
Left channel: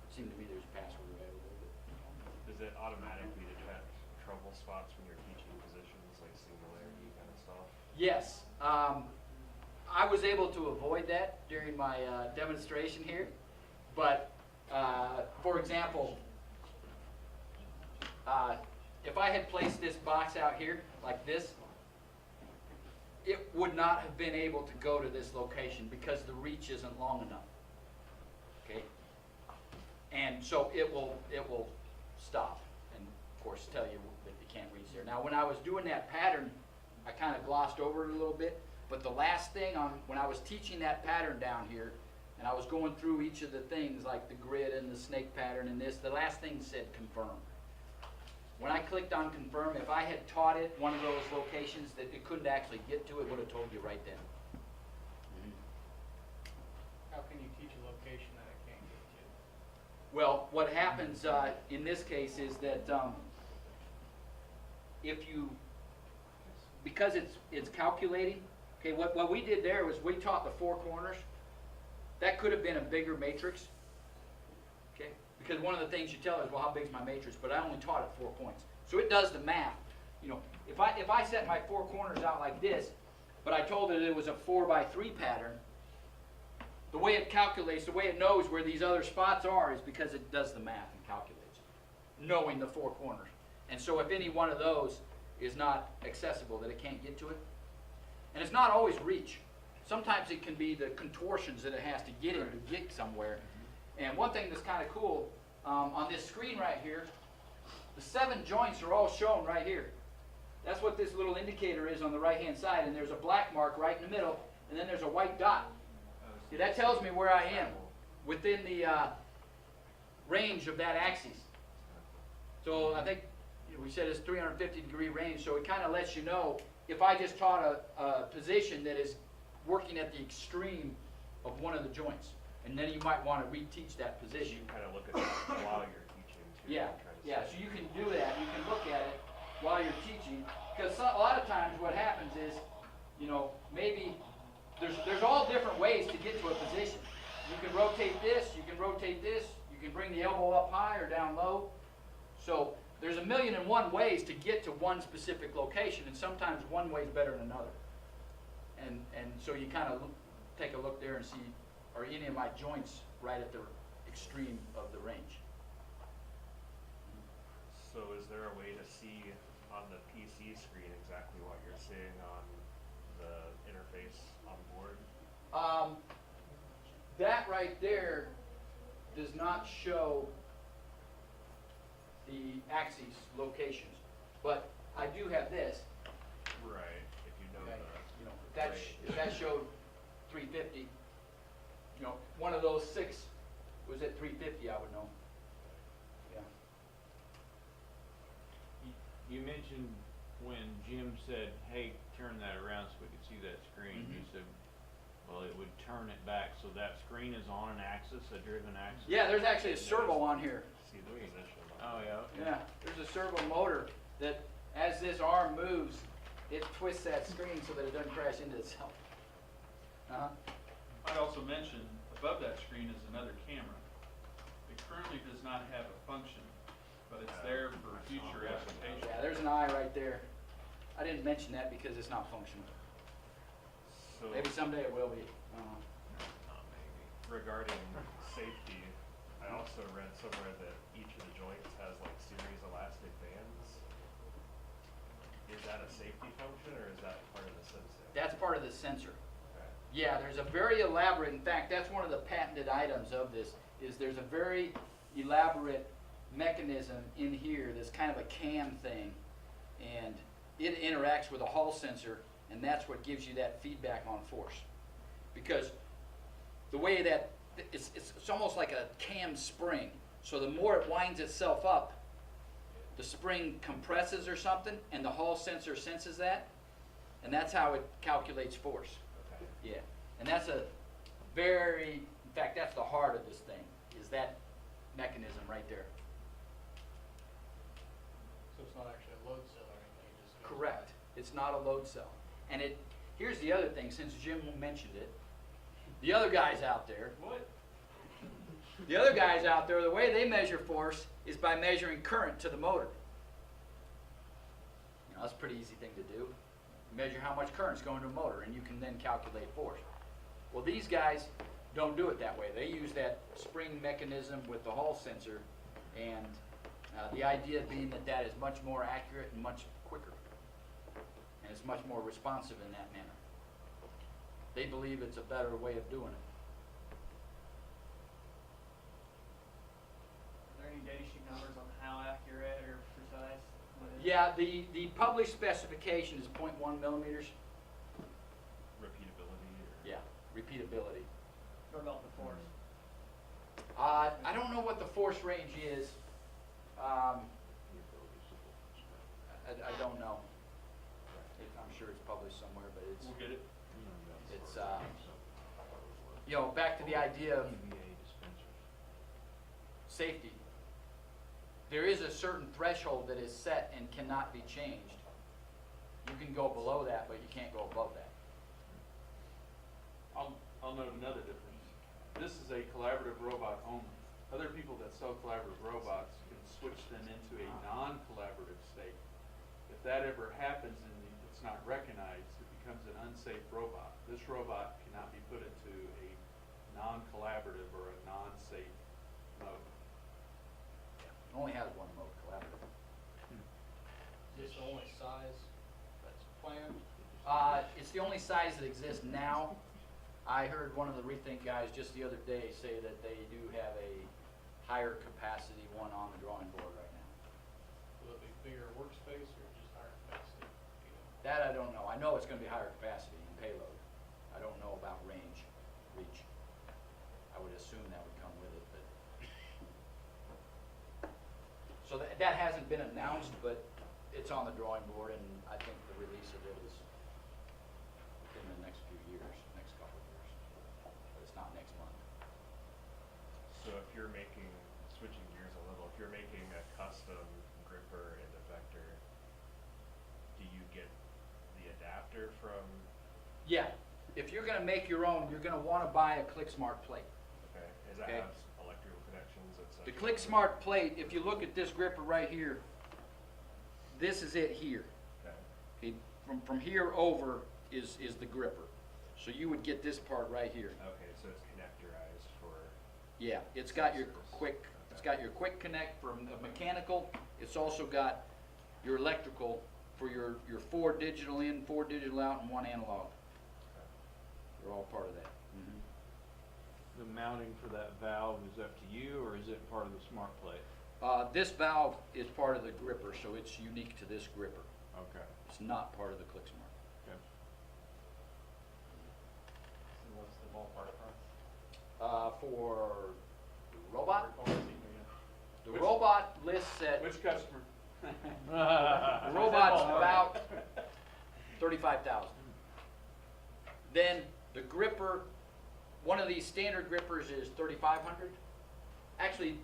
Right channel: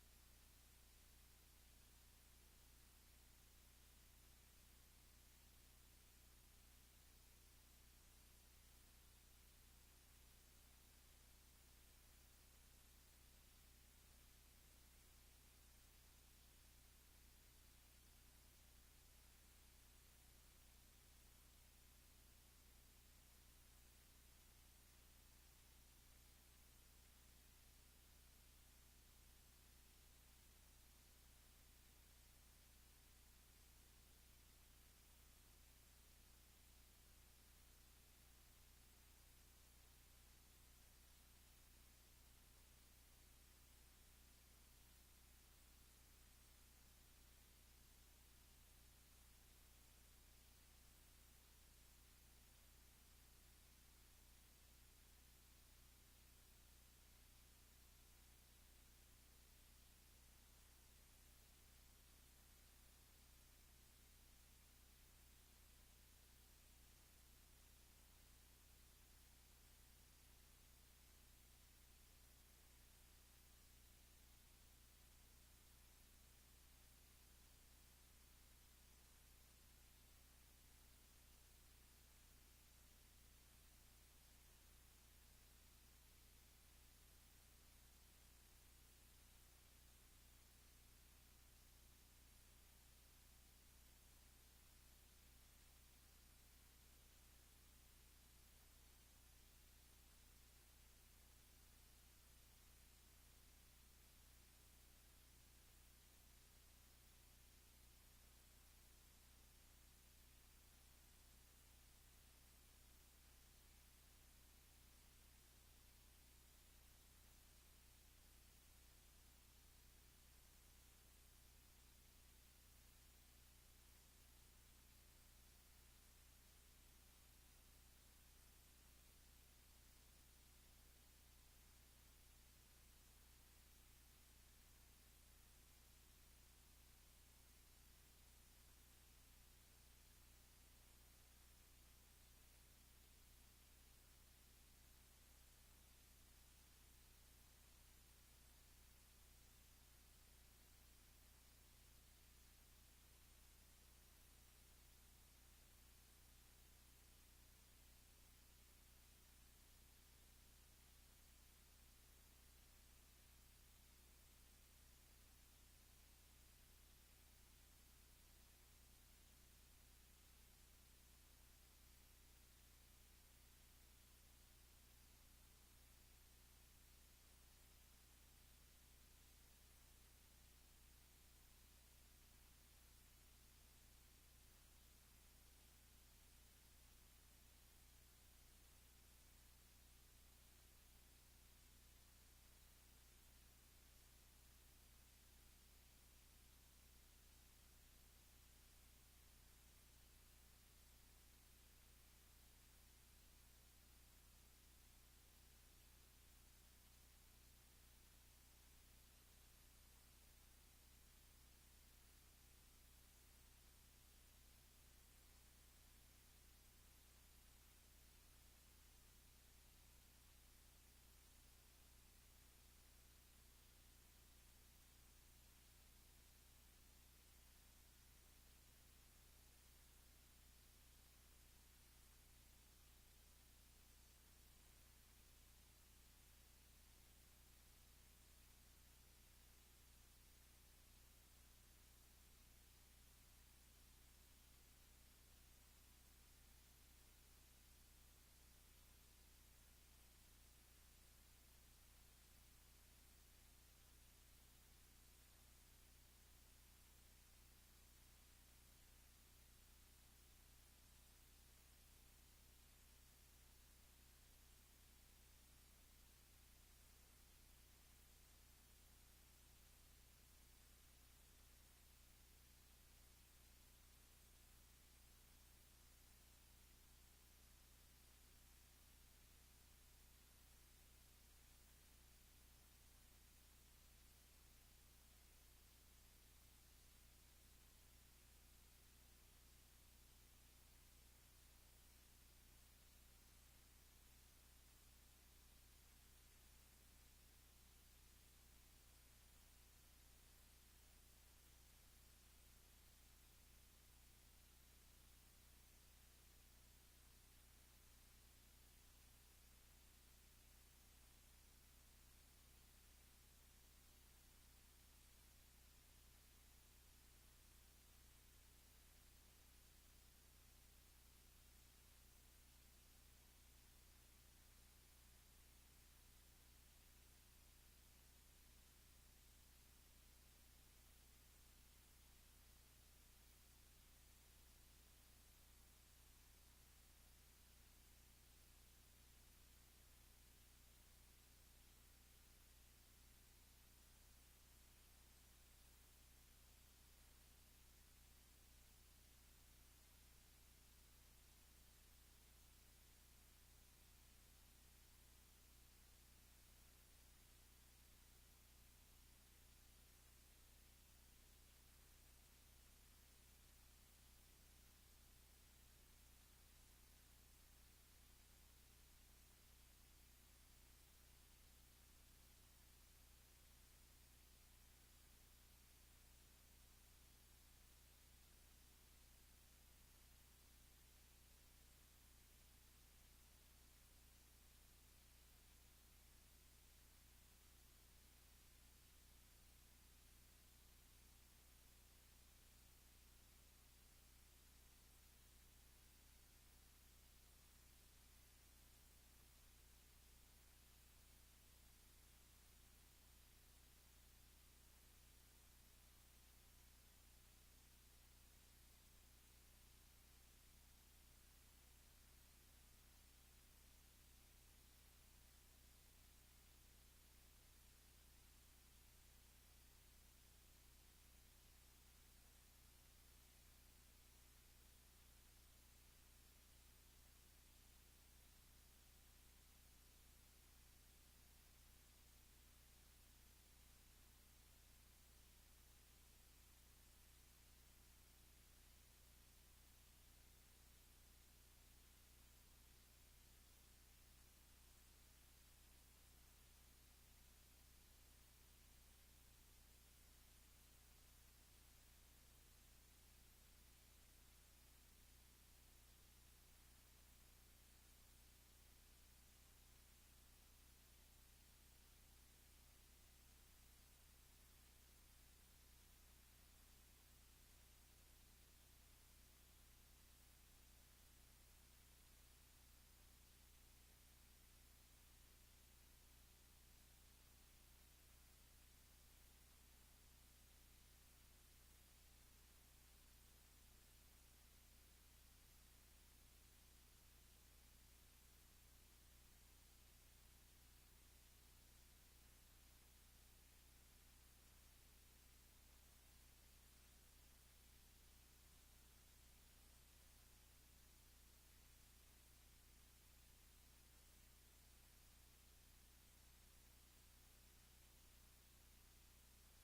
It seemed to me there's a password available. Does it automatically detect trouble spots when you're teaching positions, like singularity kind of stuff? Yes. I was able to avoid that during my demonstration here, but for example, if I had placed this box out here like this, it would not have been able to go to this location because the reach isn't long enough. Okay? And so it will stop and of course tell you that you can't reach there. Now when I was doing that pattern, I kind of glossed over it a little bit, but the last thing when I was teaching that pattern down here, and I was going through each of the things like the grid and the snake pattern and this, the last thing said confirm. When I clicked on confirm, if I had taught it one of those locations that it couldn't actually get to, it would have told you right then. How can you teach a location that it can't get to? Well, what happens in this case is that because it's calculating, okay, what we did there was we taught the 4 corners. That could have been a bigger matrix, okay? Because one of the things you tell is, well, how big is my matrix? But I only taught it 4 points. So it does the math. If I set my 4 corners out like this, but I told it it was a 4x3 pattern, the way it calculates, the way it knows where these other spots are is because it does the math and calculates, knowing the 4 corners. And so if any one of those is not accessible, that it can't get to it. And it's not always reach. Sometimes it can be the contortions that it has to get in to get somewhere. And one thing that's kind of cool, on this screen right here, the 7 joints are all shown right here. That's what this little indicator is on the right-hand side, and there's a black mark right in the middle, and then there's a white dot. See, that tells me where I am within the range of that axis. So I think we said it's 350-degree range, so it kind of lets you know if I just taught a position that is working at the extreme of one of the joints, and then you might want to reteach that position. You can kind of look at that while you're teaching too. Yeah, yeah. So you can do that. You can look at it while you're teaching, because a lot of times what happens is, maybe there's all different ways to get to a position. You can rotate this. You can rotate this. You can bring the elbow up high or down low. So there's 1,000,001 ways to get to one specific location, and sometimes one way is better than another. And so you kind of take a look there and see, are any of my joints right at the extreme of the range? So is there a way to see on the PC screen exactly what you're seeing on the interface on board? That right there does not show the axes locations, but I do have this. Right, if you know Okay, the. you know, if that showed 350, you know, one of those 6 was at 350, I would know. Yeah. You mentioned when Jim said, hey, turn that around so we could see that screen, you Mhm. said, well, it would turn it back, so that screen is on an axis, a driven axis? Yeah, there's actually a servo on here. See the position. Oh, yeah, okay. Yeah, there's a servo motor that, as this arm moves, it twists that screen so that it doesn't crash into itself. Uh-huh. I'd also mention, above that screen is another camera. It currently does not have a function, but it's there for future application. Yeah, there's an eye right there. I didn't mention that because it's not functional. So Maybe someday it will be. regarding safety, I also read somewhere that each of the joints has like series elastic bands. Is that a safety function or is that part of the sensor? That's part of the sensor. Okay. Yeah, there's a very elaborate, in fact, that's one of the patented items of this, is there's a very elaborate mechanism in here that's kind of a cam thing. And it interacts with a Hall sensor, and that's what gives you that feedback on force. Because the way that, it's almost like a cam spring. So the more it winds itself up, the spring compresses or something, and the Hall sensor senses that, and that's how it calculates force. Okay. Yeah, and that's a very, in fact, that's the heart of this thing, is that mechanism right there. So it's not actually a load cell or anything, it just goes Correct. It's not a load cell. And here's the other thing, since Jim mentioned it, the other guys out there, the other guys out there, the way they measure force is by measuring current to the motor. You know, that's a pretty easy thing to do. Measure how much current's going to a motor, and you can then calculate force. Well, these guys don't do it that way. They use that spring mechanism with the Hall sensor, and the idea being that that is much more accurate and much quicker, and it's much more responsive in that manner. They believe it's a better way of doing it. Are there any data sheet numbers on how accurate or precise what it is? Yeah, the published specification is 0.1 millimeters. Repeatability or? Yeah, repeatability. What about the force? I don't know what the force range is. I don't know. I'm sure it's published somewhere, but it's, We'll get it. you know, back to the idea of safety. There is a certain threshold that is set and cannot be changed. You can go below that, but you can't go above that. I'll note another difference. This is a collaborative robot only. Other people that sell collaborative robots can switch them into a non-collaborative state. If that ever happens and it's not recognized, it becomes an unsafe robot. This robot cannot be put into a non-collaborative or a non-safe mode. It only has one mode, collaborative. Is this the only size that's planned? It's the only size that exists now. I heard one of the Rethink guys just the other day say that they do have a higher capacity one on the drawing board right now. Will it be bigger workspace or just higher capacity? You know? That I don't know. I know it's gonna be higher capacity and payload. I don't know about reach. I would assume that would come with it, but. So that hasn't been announced, but it's on the drawing board, and I think the release of it is within the next few years, next couple of years. But it's not next month. So if you're making, switching gears a little, if you're making a custom gripper and effector, do you get the adapter from, Yeah, if you're gonna make your own, you're gonna wanna buy a ClickSmart plate. okay, does that Okay. have electrical connections, et cetera? The ClickSmart plate, if you look at this gripper right here, this is it here. Okay, Okay, from here over is the gripper. So you would get this part right here. okay, so it's connectorized for, Yeah, it's got your Sensors. quick, Okay. it's got your quick connect for mechanical. It's also got your electrical for your 4 digital in, 4 digital out, and 1 analog. They're all part of that. The mounting for that valve is up to you, or is it part of the smart plate? This valve is part of the gripper, so it's unique to this gripper. Okay. It's not part of the ClickSmart. Okay. So what's the ballpark price? For the robot, the Which- robot lists at, Which customer? the robot's about 35,000. Then the gripper, one of these standard grippers is 3,500. Actually,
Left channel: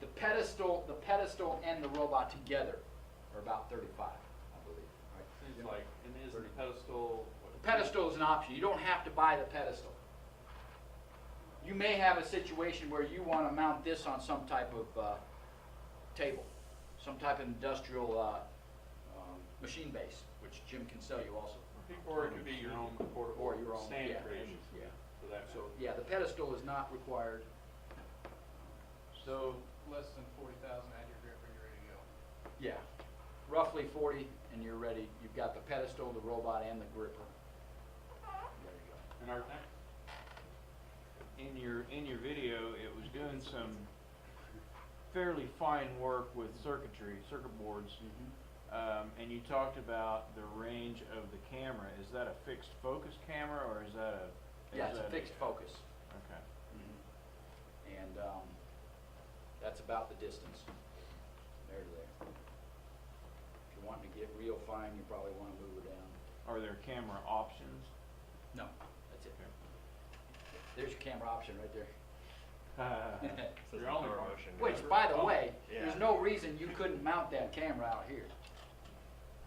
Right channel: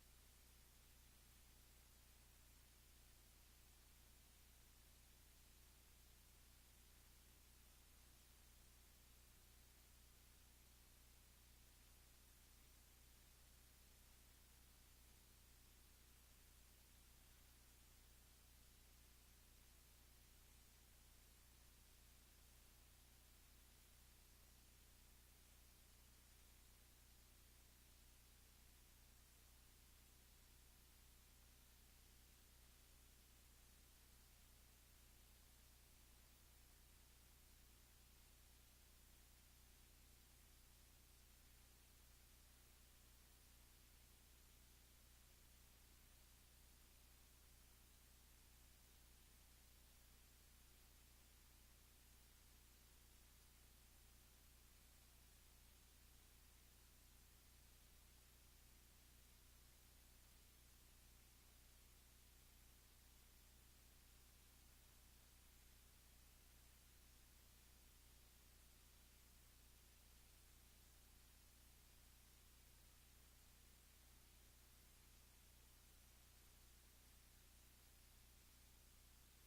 the pedestal and the robot together are about 35, I believe. Seems like, and is the pedestal? The pedestal is an option. You don't have to buy the pedestal. You may have a situation where you want to mount this on some type of table, some type of industrial machine base, which Jim can sell you also. Or it could be your own portable Or your own, stand yeah. creation. Yeah. For that. So, yeah, the pedestal is not required. So, Less than 40,000, add your gripper, you're ready to go. Yeah, roughly 40, and you're ready. You've got the pedestal, the robot, and the gripper. There you go. And our, in your video, it was doing some fairly fine work with circuit boards, and you talked about the range of the camera. Is that a fixed focus camera, or is that a? Yeah, it's a fixed focus. Okay. And that's about the distance, there to there. If you want to get real fine, you probably want to move her down. Are there camera options? No, that's it. There's your camera option right there. So Your it's only power one. motion. Which, by the Oh, way, yeah. there's no reason you couldn't mount that camera out here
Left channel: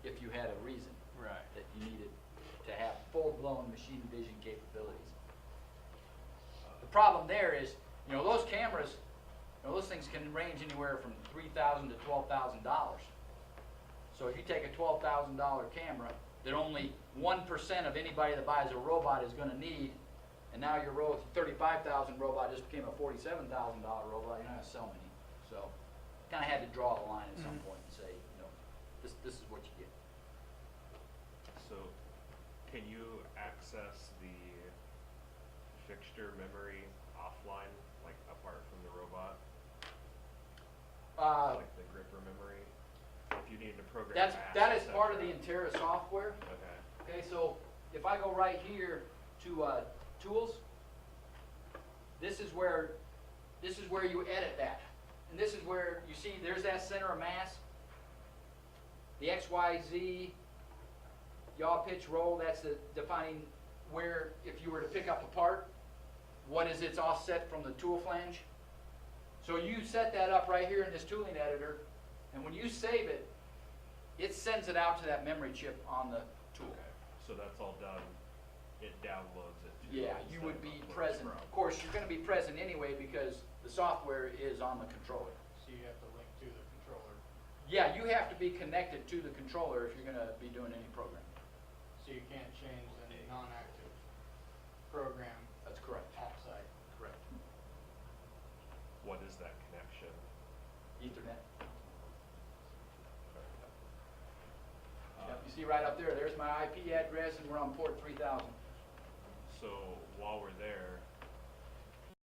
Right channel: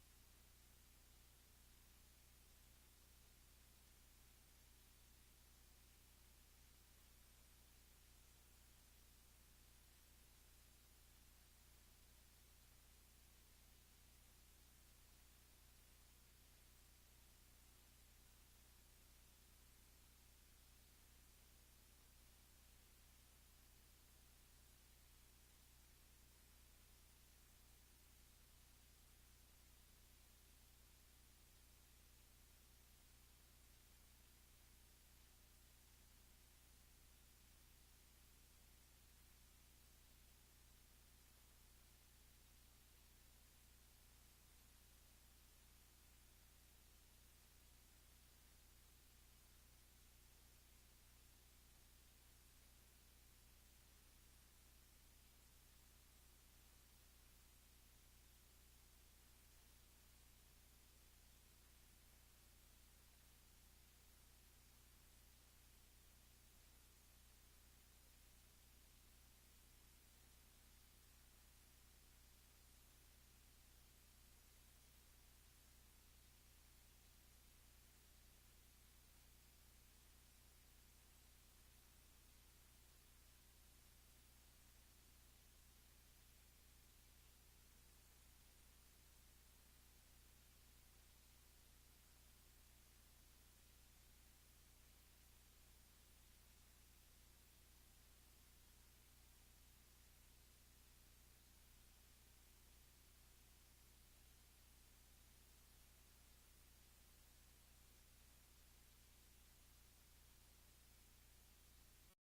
if you had a reason Right. that you needed to have full-blown machine vision capabilities. The problem there is, you know, those cameras, you know, those things can range anywhere from $3,000 to $12,000. So if you take a $12,000 camera that only 1% of anybody that buys a robot is going to need, and now your 35,000 robot just became a $47,000 robot, you're not going to sell many. So kind of had to draw a line at some point and say, you know, this is what you get. So, can you access the fixture memory offline, like apart from the robot? Like the gripper memory? If you needed to program That apps, is et part of the cetera. Intera software. Okay. Okay, so if I go right here to tools, this is where you edit that. And this is where you see there's that center of mass. The XYZ, yaw, pitch, roll, that's the defining where, if you were to pick up a part, what is its offset from the tool flange. So you set that up right here in this tooling editor, and when you save it, it sends it out to that memory chip on the tool. Okay. So that's all done. It downloads it. To Yeah, it you instead would of be uploading present. from. Of course, you're going to be present anyway because the software is on the controller. So you have to link to the controller. Yeah, you have to be connected to the controller if you're going to be doing any programming. So you can't change the non-active program That's correct. offsite. Correct. What is that connection? Ethernet. Yep, you see right up there, there's my IP address and we're on port 3000. So while we're there,